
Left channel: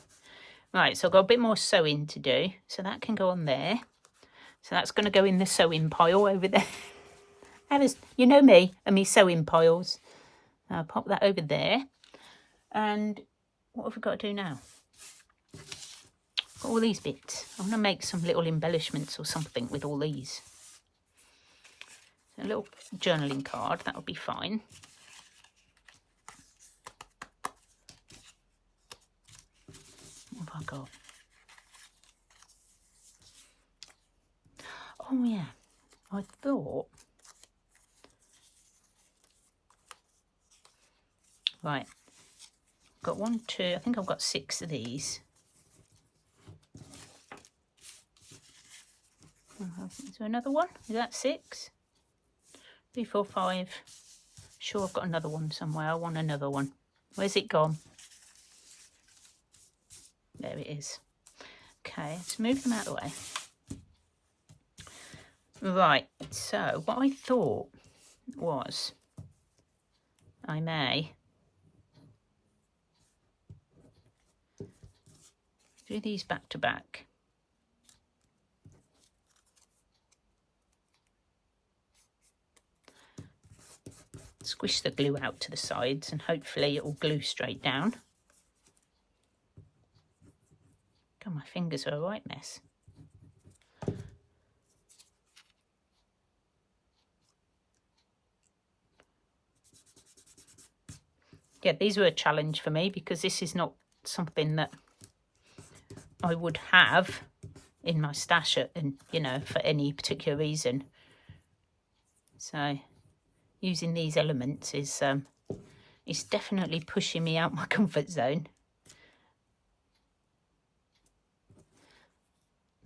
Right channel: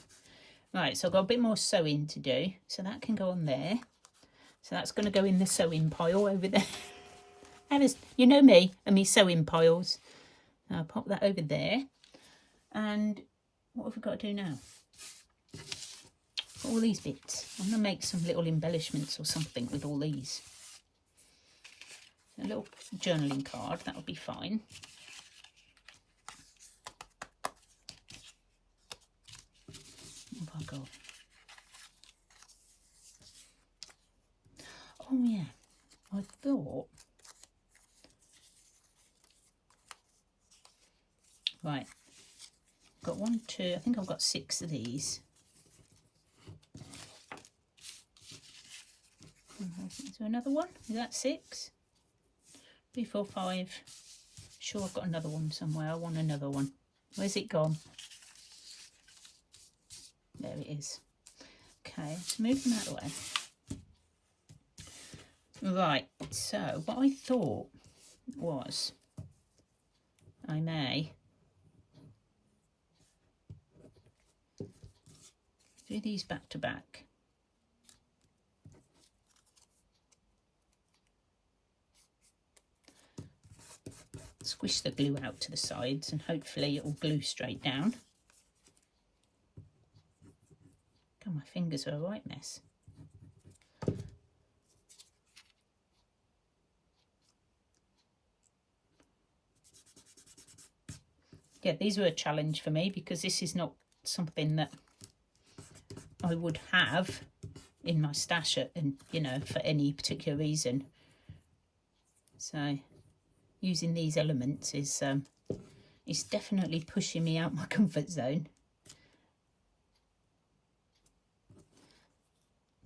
Right, so I've got a bit more sewing to do. So that can go on there. So that's going to go in the sewing pile over there. You know me and me sewing piles. I'll pop that over there. And what have we got to do now? Got all these bits. I'm going to make some little embellishments or something with all these. A little journaling card, that would be fine. What have I got? Oh yeah, I thought... Right, got 1, 2, I think I've got 6 of these. Is there another one? Is that 6? 3, 4, 5. Sure, I've got another one somewhere. I want another one. Where's it gone? There it is. Okay, let's move them out of the way. Right, so what I thought was I may do these back to back. Squish the glue out to the sides and hopefully it will glue straight down. God, my fingers are a right mess. Yeah, these were a challenge for me because this is not something that I would have in my stash, and you know, for any particular reason. So using these elements is definitely pushing me out my comfort zone.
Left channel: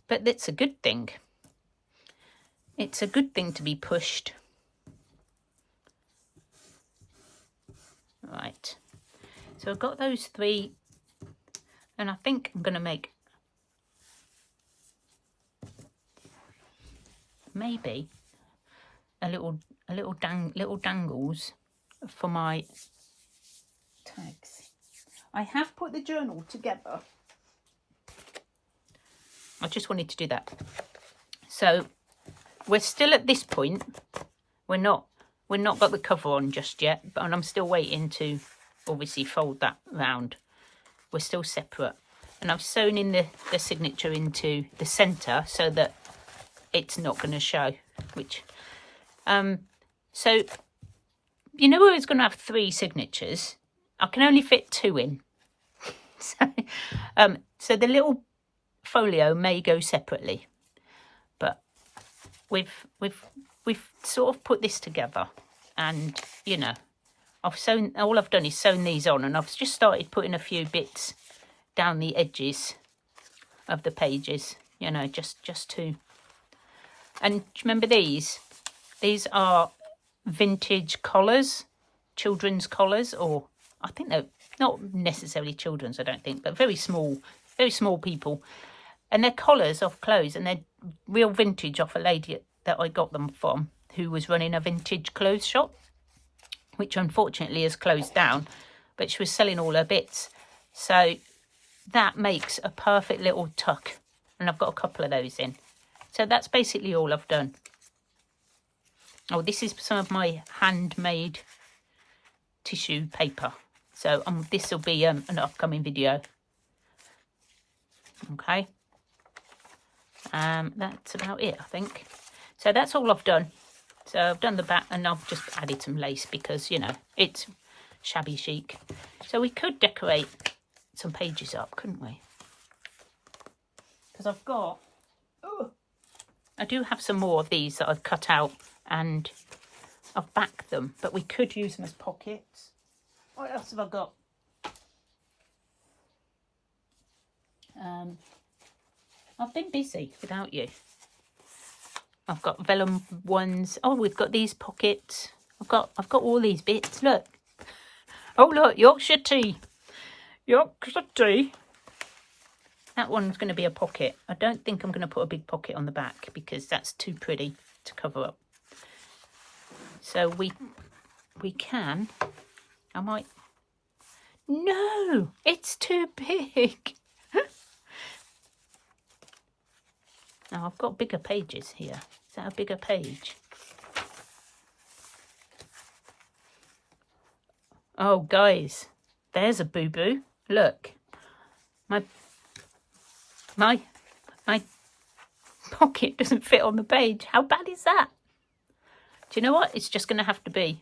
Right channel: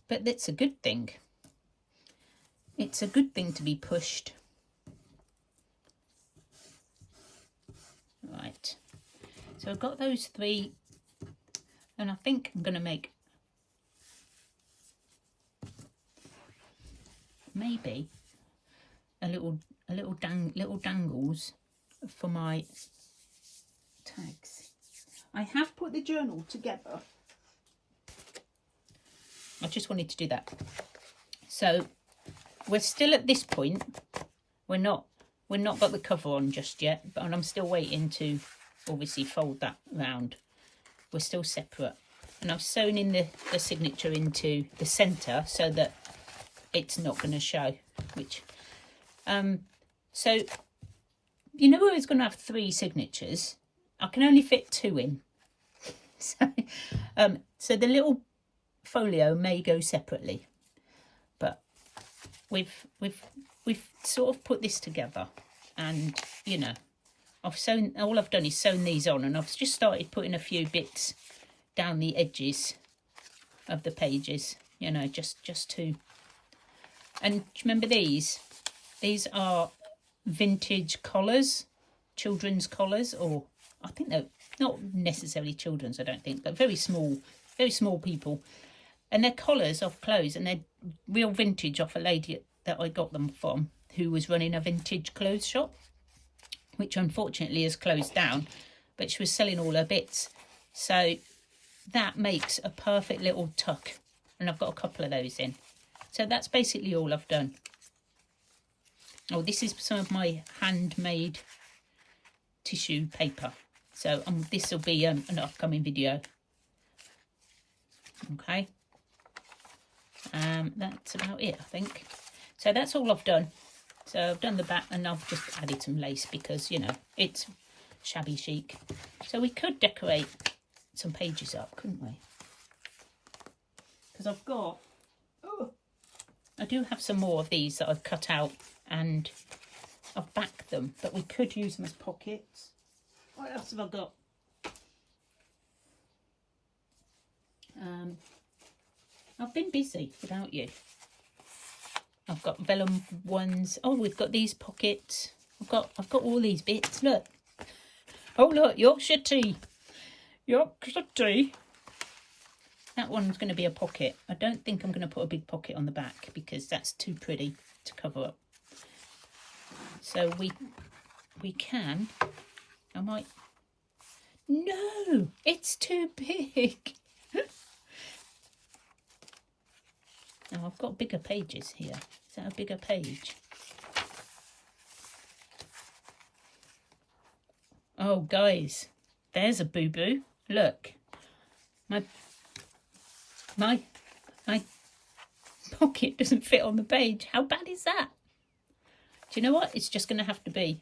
But that's a good thing. It's a good thing to be pushed. Right. So I've got those 3, and I think I'm going to make maybe little dangles for my tags. I have put the journal together. I just wanted to do that. So we're still at this point. We're not got the cover on just yet, but I'm still waiting to obviously fold that round. We're still separate, and I've sewn in the signature into the center so that it's not going to show, which so you know where it's going to have 3 signatures, I can only fit 2 in. So the little folio may go separately, but we've sort of put this together, and you know, all I've done is sewn these on, and I've just started putting a few bits down the edges of the pages, you know, just to. And remember, these are vintage collars, children's collars, or I think they're not necessarily children's, I don't think, but very small people. And they're collars off clothes, and they're real vintage off a lady that I got them from, who was running a vintage clothes shop, which unfortunately has closed down, but she was selling all her bits. So that makes a perfect little tuck, and I've got a couple of those in. So that's basically all I've done. Oh, this is some of my handmade tissue paper. So this will be an upcoming video. Okay. That's about it, I think. So that's all I've done. So I've done the back and I've just added some lace because, you know, it's shabby chic. So we could decorate some pages up, couldn't we? Because I've got, I do have some more of these that I've cut out and I've backed them, but we could use them as pockets. What else have I got? I've been busy without you. I've got vellum ones. Oh, we've got these pockets. I've got all these bits. Look. Oh, look, Yorkshire tea. Yorkshire tea. That one's going to be a pocket. I don't think I'm going to put a big pocket on the back because that's too pretty to cover up. So we can. I might. No, it's too big. Now I've got bigger pages here. Is that a bigger page? Oh, guys, there's a boo-boo. Look, my pocket doesn't fit on the page. How bad is that? Do you know what? It's just going to have to be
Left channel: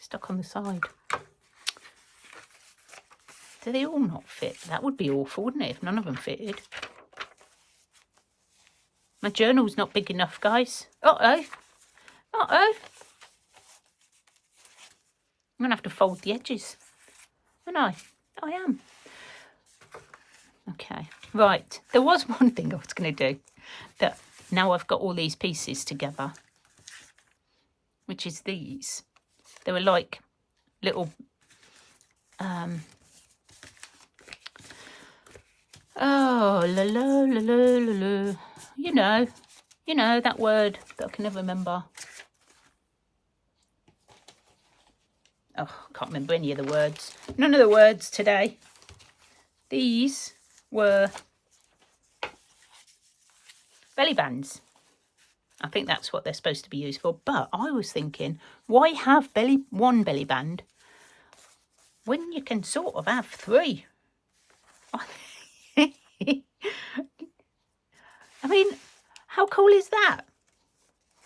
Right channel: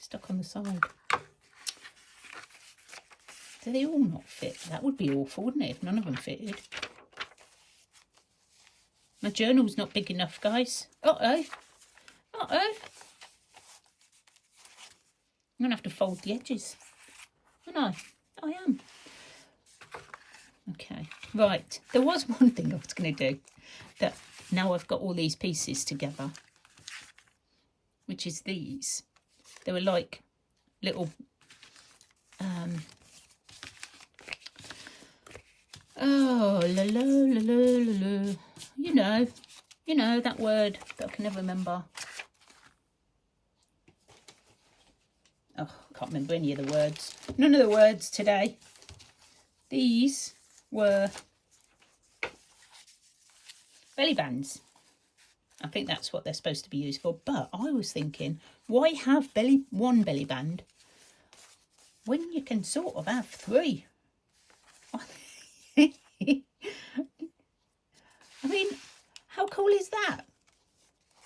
stuck on the side. Do they all not fit? That would be awful, wouldn't it, if none of them fitted? My journal's not big enough, guys. Uh-oh. Uh-oh. I'm going to have to fold the edges. Aren't I? I am. Okay. Right. There was one thing I was going to do. That now I've got all these pieces together. Which is these. They were like little... oh, la la la la la la. You know that word that I can never remember. Oh, I can't remember any of the words. None of the words today. These were belly bands. I think that's what they're supposed to be used for. But I was thinking, why have one belly band when you can sort of have three? I mean, how cool is that?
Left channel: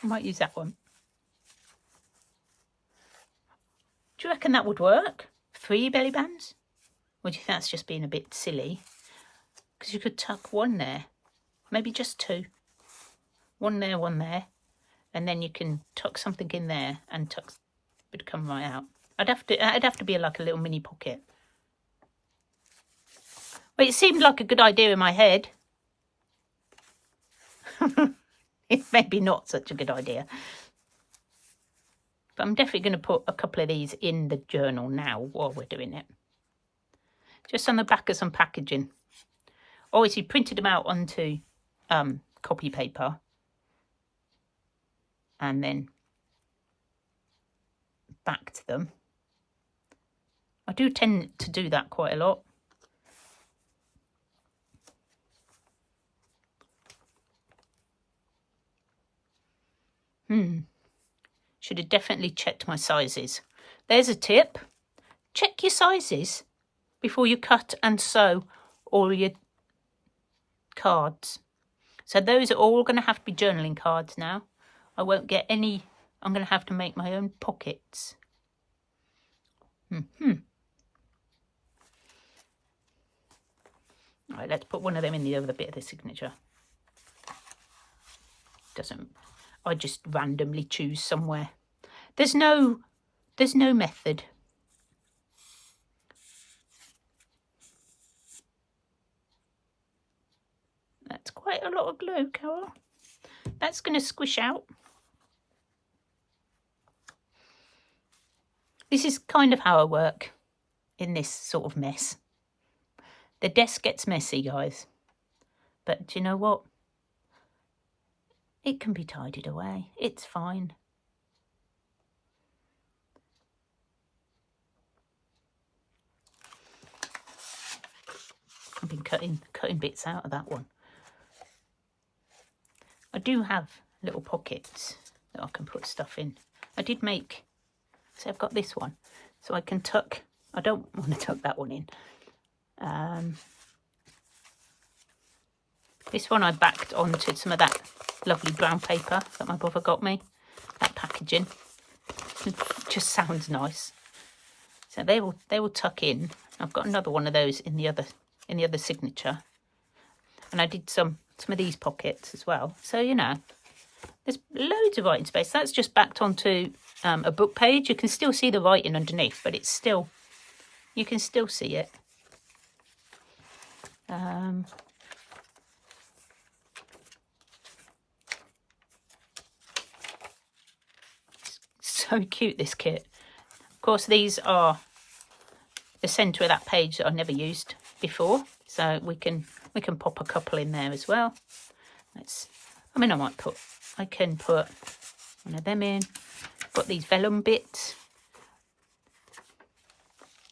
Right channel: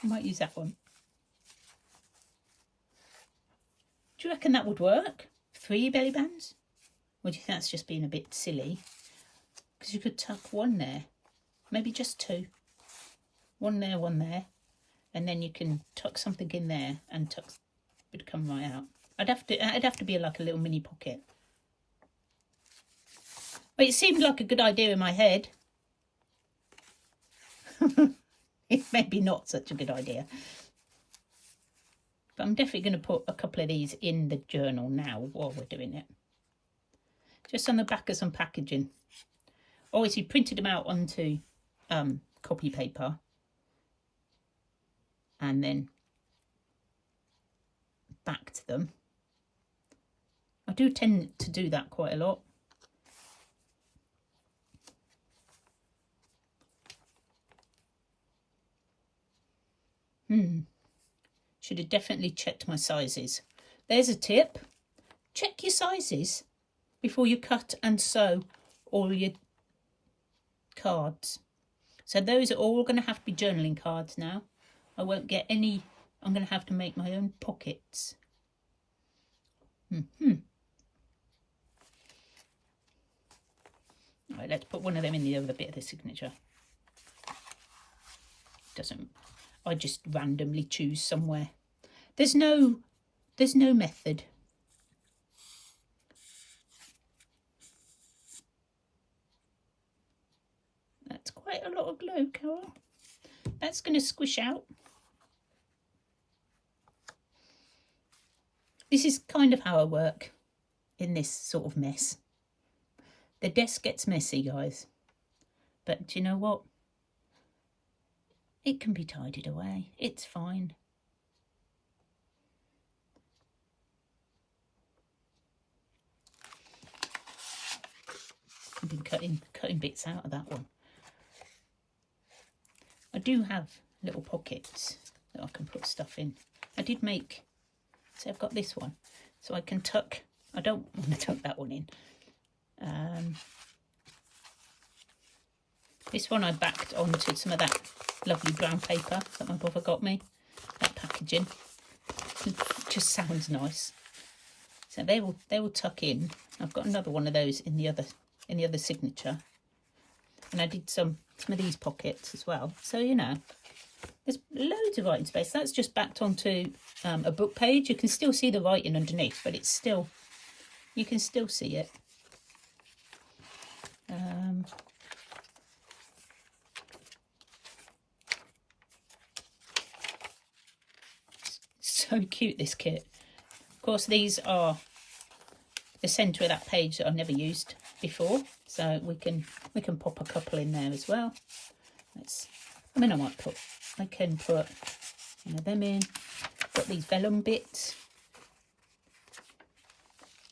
I might use that one. Do you reckon that would work? 3 belly bands? Or do you think that's just being a bit silly? Because you could tuck one there. Maybe just 2. One there, and then you can tuck something in there and tuck would come right out. It'd have to be like a little mini pocket. Well, it seemed like a good idea in my head. It's maybe not such a good idea. But I'm definitely going to put a couple of these in the journal now while we're doing it. Just on the back of some packaging. Obviously printed them out onto copy paper. And then backed them. I do tend to do that quite a lot. Should have definitely checked my sizes. There's a tip. Check your sizes before you cut and sew all your cards. So those are all going to have to be journaling cards now. I won't get any. I'm going to have to make my own pockets. Right, let's put one of them in the other bit of the signature. I just randomly choose somewhere. There's no method. That's quite a lot of glue, Carol. That's going to squish out. This is kind of how I work in this sort of mess. The desk gets messy, guys. But do you know what? It can be tidied away. It's fine. I've been cutting bits out of that one. I do have little pockets so I can put stuff in. I did make, so I've got this one, so I can tuck, I don't want to tuck that one in. This one I backed onto some of that lovely brown paper that my brother got me, that packaging. It just sounds nice. So they will tuck in. I've got another one of those in the other signature. And I did some of these pockets as well. So, you know, there's loads of writing space. That's just backed onto a book page. You can still see the writing underneath, but it's still, you can still see it. So cute, this kit. Of course, these are the centre of that page that I've never used before, so we can pop a couple in there as well. I mean, I can put one of them in. Got these vellum bits.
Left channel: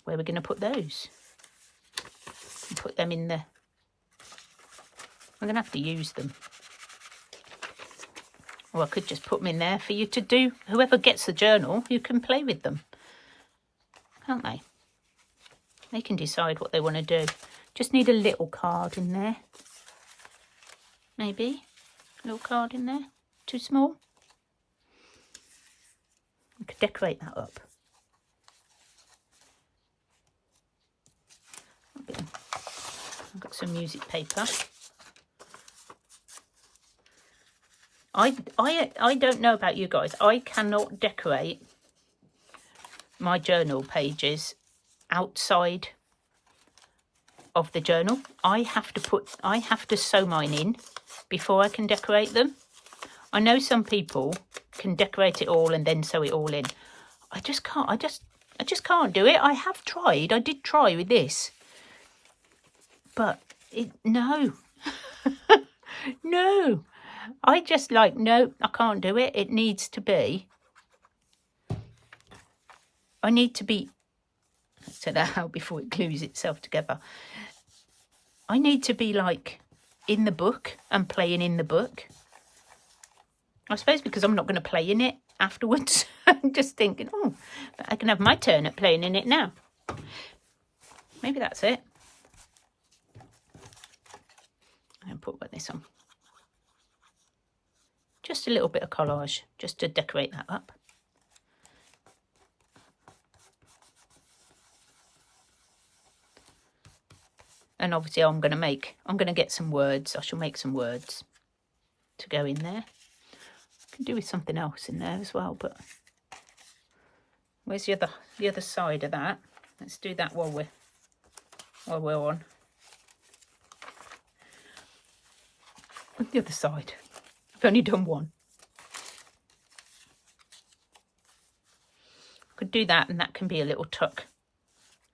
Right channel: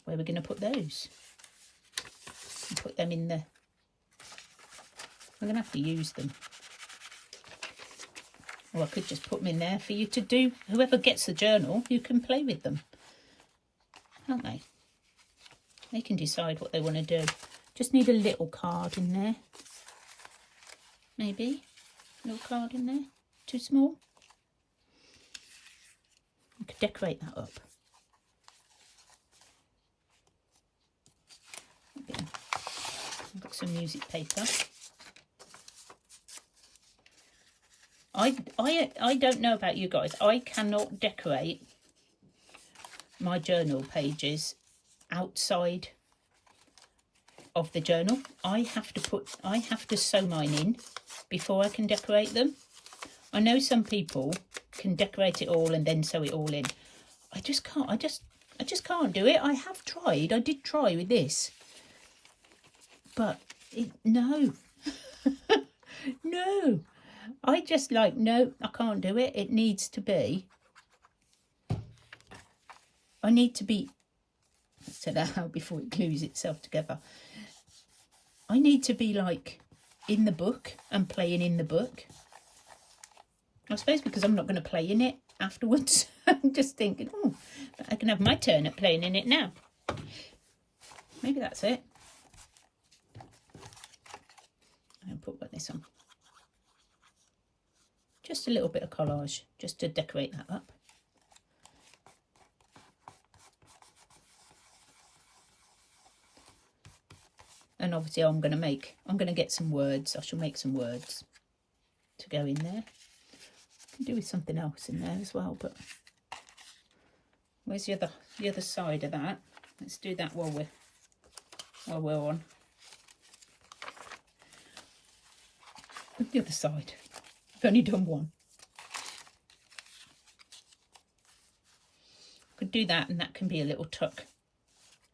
Where we're going to put those? And put them in the. I'm going to have to use them. Or I could just put them in there for you to do. Whoever gets the journal, you can play with them, can't they? They can decide what they want to do. Just need a little card in there. Maybe a little card in there. Too small? I could decorate that up. I've got some music paper. I don't know about you guys. I cannot decorate my journal pages outside of the journal. I have to sew mine in before I can decorate them. I know some people can decorate it all and then sew it all in. I just can't. I just can't do it. I have tried. I did try with this, but no. No. I just no, I can't do it. It needs to be, I need to be, let's say that out before it glues itself together. I need to be like in the book and playing in the book. I suppose because I'm not going to play in it afterwards. I'm just thinking, oh, I can have my turn at playing in it now. Maybe that's it. I'll put this on. Just a little bit of collage, just to decorate that up. And obviously I'm going to get some words. I shall make some words to go in there. I can do with something else in there as well, but where's the other side of that? Let's do that while we're on. The other side. I've only done one. Could do that, and that can be a little tuck,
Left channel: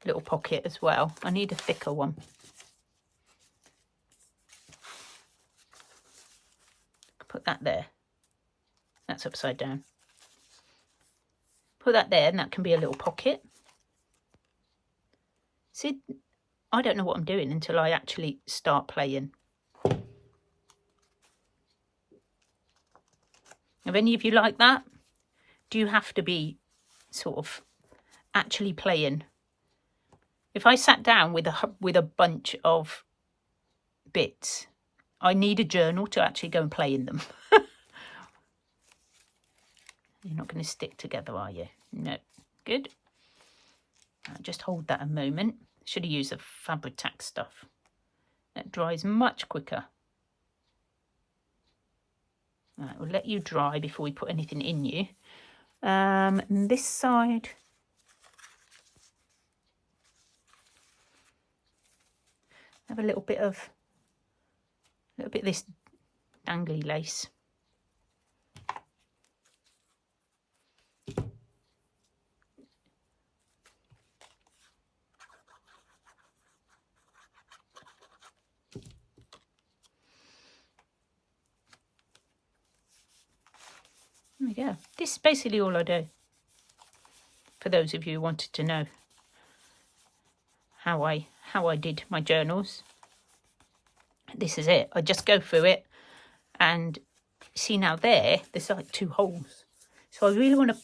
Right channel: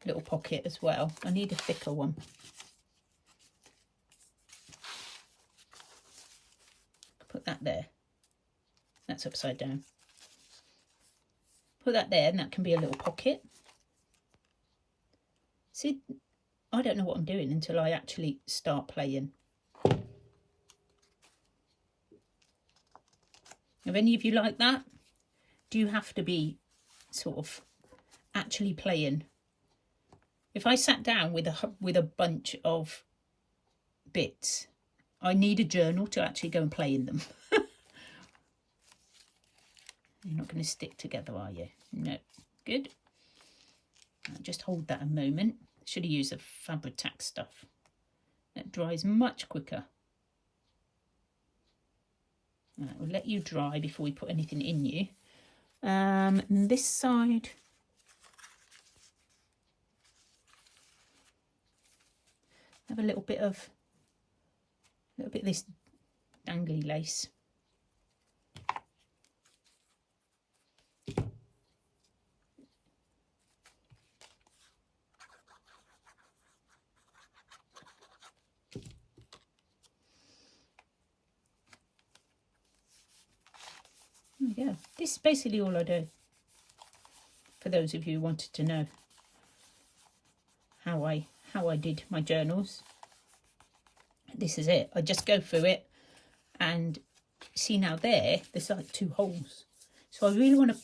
little pocket as well. I need a thicker one. Put that there. That's upside down. Put that there, and that can be a little pocket. See, I don't know what I'm doing until I actually start playing. Have any of you like that? Do you have to be sort of actually playing? If I sat down with a bunch of bits, I need a journal to actually go and play in them. You're not going to stick together, are you? No. Good. Just hold that a moment. Should have used the Fabri-Tac stuff. That dries much quicker. Right, we'll let you dry before we put anything in you. And this side, have a little bit of this dangly lace. There we go. This is basically all I do. For those of you who wanted to know how I did my journals, this is it. I just go through it and see now there's like 2 holes. So I really want to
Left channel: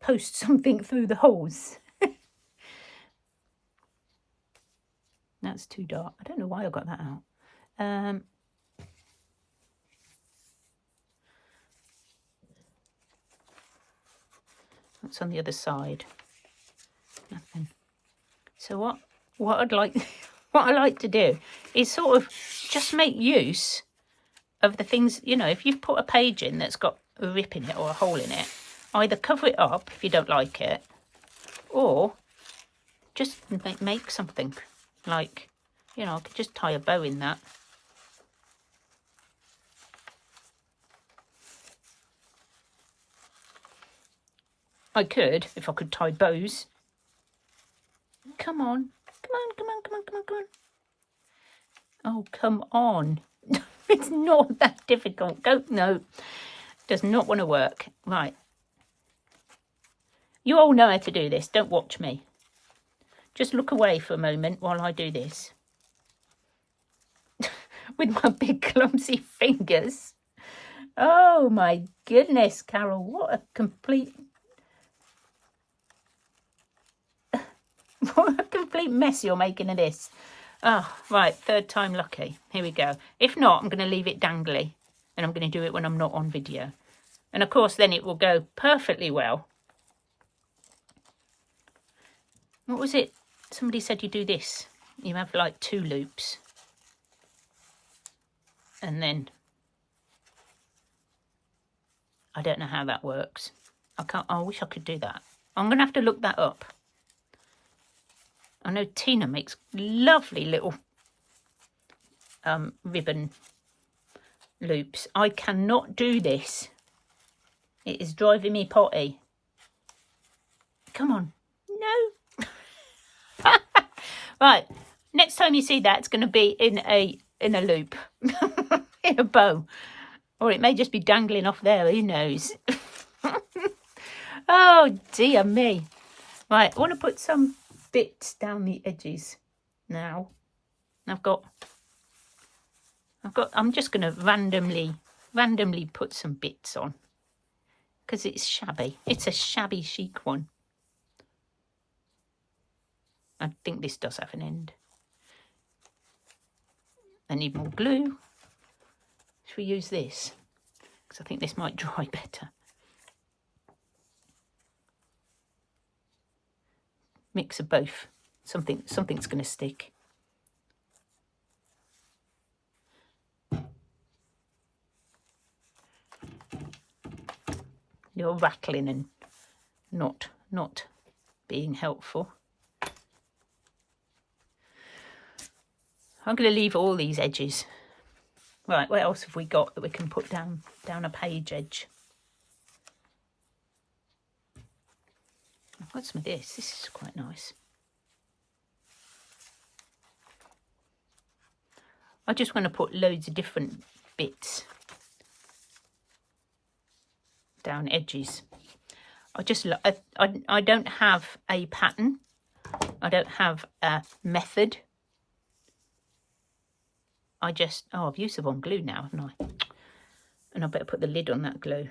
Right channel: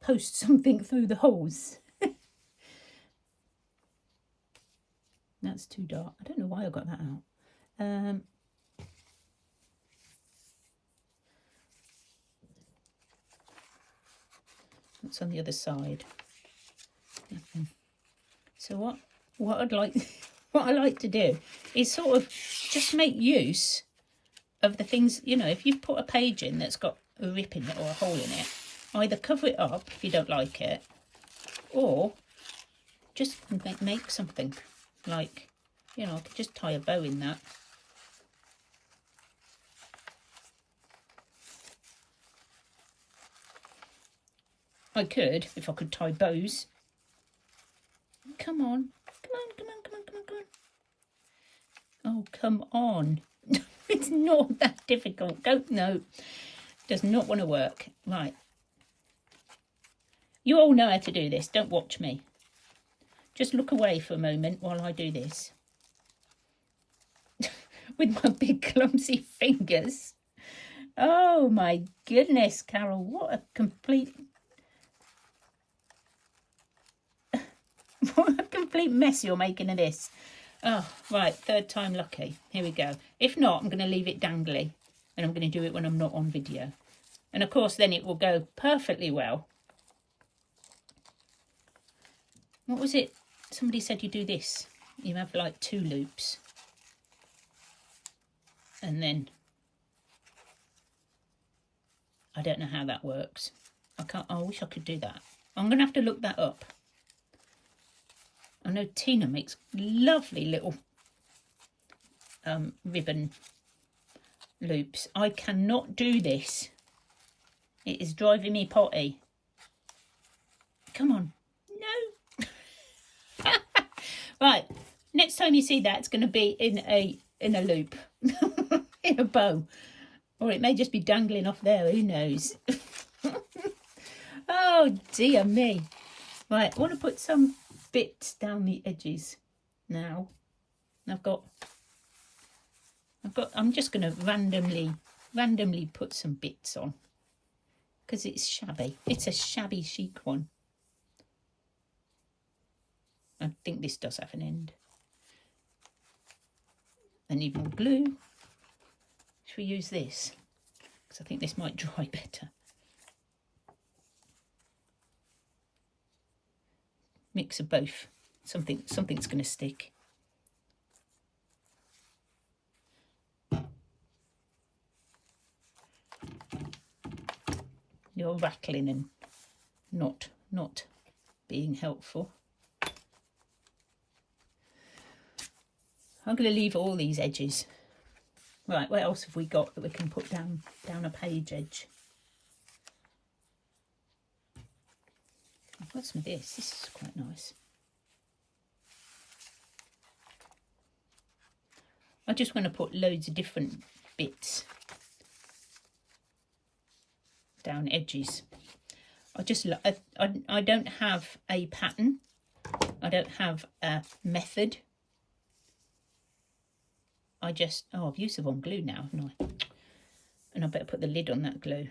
post something through the holes. That's too dark. I don't know why I got that out. What's on the other side? Nothing. So what I'd like, what I like to do is sort of just make use of the things, you know, if you've put a page in that's got a rip in it or a hole in it, either cover it up if you don't like it, or just make something. Like, you know, I could just tie a bow in that. I could, if I could tie bows. Come on. Come on, come on, come on, come on, come on. Oh, come on. It's not that difficult. Go, no. Does not want to work. Right. You all know how to do this. Don't watch me. Just look away for a moment while I do this. With my big clumsy fingers. Oh my goodness, Carol. What a complete... what a complete mess you're making of this. Oh, right. 3rd time lucky. Here we go. If not, I'm going to leave it dangly. And I'm going to do it when I'm not on video. And of course, then it will go perfectly well. What was it? Somebody said you do this. You have like 2 loops. And then... I don't know how that works. I wish I could do that. I'm going to have to look that up. I know Tina makes lovely little ribbon loops. I cannot do this. It is driving me potty. Come on. No. Right. Next time you see that, it's going to be in a loop. In a bow. Or it may just be dangling off there. Who knows? Oh, dear me. Right. I want to put some bits down the edges now. I'm just going to randomly put some bits on because it's shabby. It's a shabby chic one. I think this does have an end. I need more glue. Should we use this? Because I think this might dry better. Mix of both. Something's going to stick. You're rattling and not being helpful. I'm going to leave all these edges. Right, what else have we got that we can put down a page edge? I've got some of this. This is quite nice. I just want to put loads of different bits down edges. I don't have a pattern. I don't have a method. I've used the wrong glue now, haven't I? And I better put the lid on that glue.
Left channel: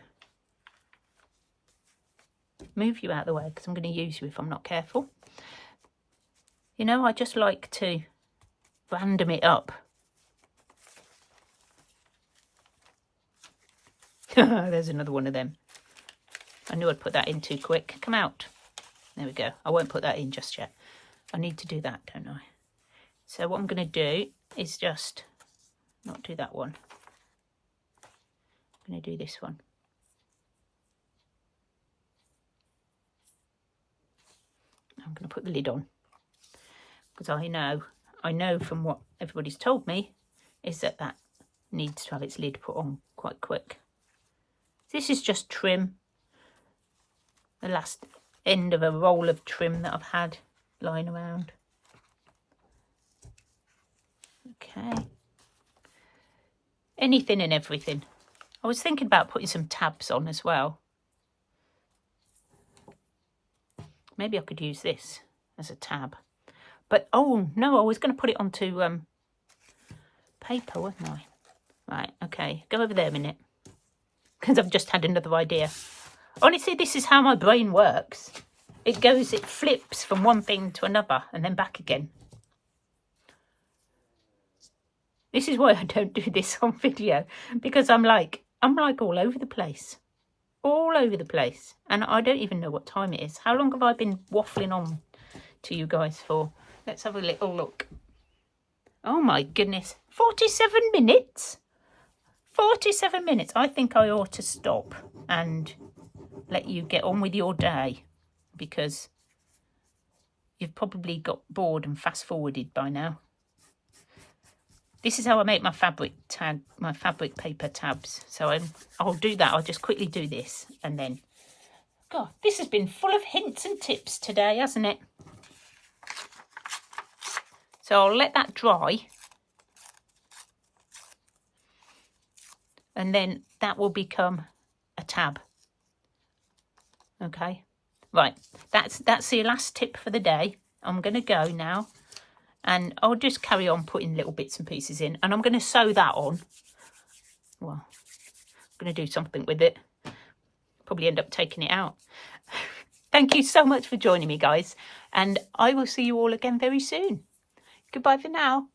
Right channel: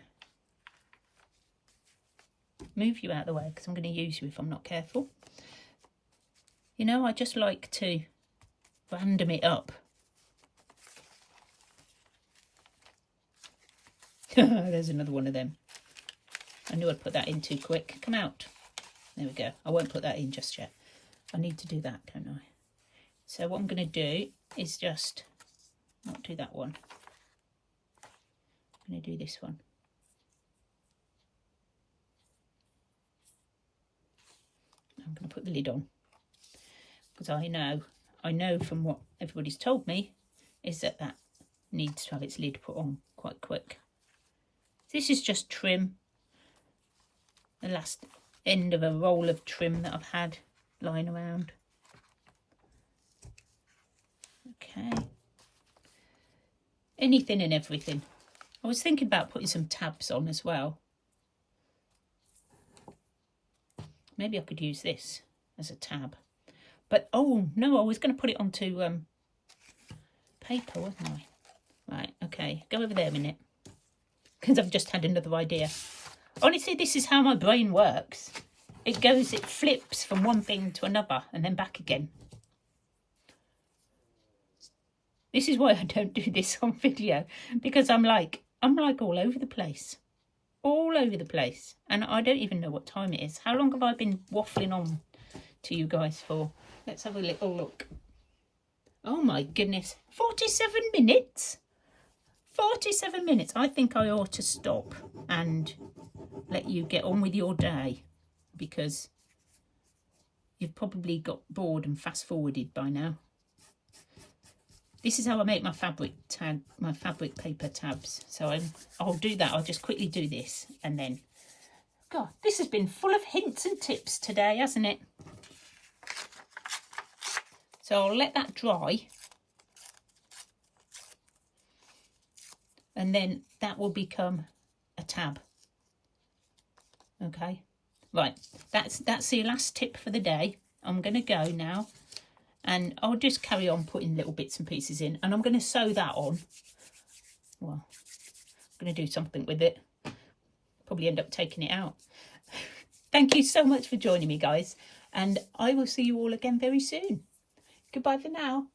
Move you out of the way because I'm going to use you if I'm not careful. You know, I just like to random it up. There's another one of them. I knew I'd put that in too quick. Come out. There we go. I won't put that in just yet. I need to do that, don't I? So what I'm going to do is just not do that one. I'm going to do this one. I'm going to put the lid on because I know from what everybody's told me is that needs to have its lid put on quite quick. This is just trim, the last end of a roll of trim that I've had lying around. Okay. Anything and everything. I was thinking about putting some tabs on as well. Maybe I could use this as a tab. But, oh, no, I was going to put it onto paper, wasn't I? Right, okay. Go over there a minute. because I've just had another idea. Honestly, this is how my brain works. It flips from one thing to another and then back again. This is why I don't do this on video, because I'm like all over the place. All over the place. And I don't even know what time it is. How long have I been waffling on to you guys for? Let's have a little look. Oh my goodness. 47 minutes? 47 minutes. I think I ought to stop and let you get on with your day, because you've probably got bored and fast forwarded by now. This is how I make my fabric paper tabs. So I'll do that. I'll just quickly do this and then. God, this has been full of hints and tips today, hasn't it? So I'll let that dry. And then that will become a tab. Okay. Right. That's the last tip for the day. I'm going to go now. And I'll just carry on putting little bits and pieces in. And I'm going to sew that on. Well, I'm going to do something with it. Probably end up taking it out. Thank you so much for joining me, guys. And I will see you all again very soon. Goodbye for now.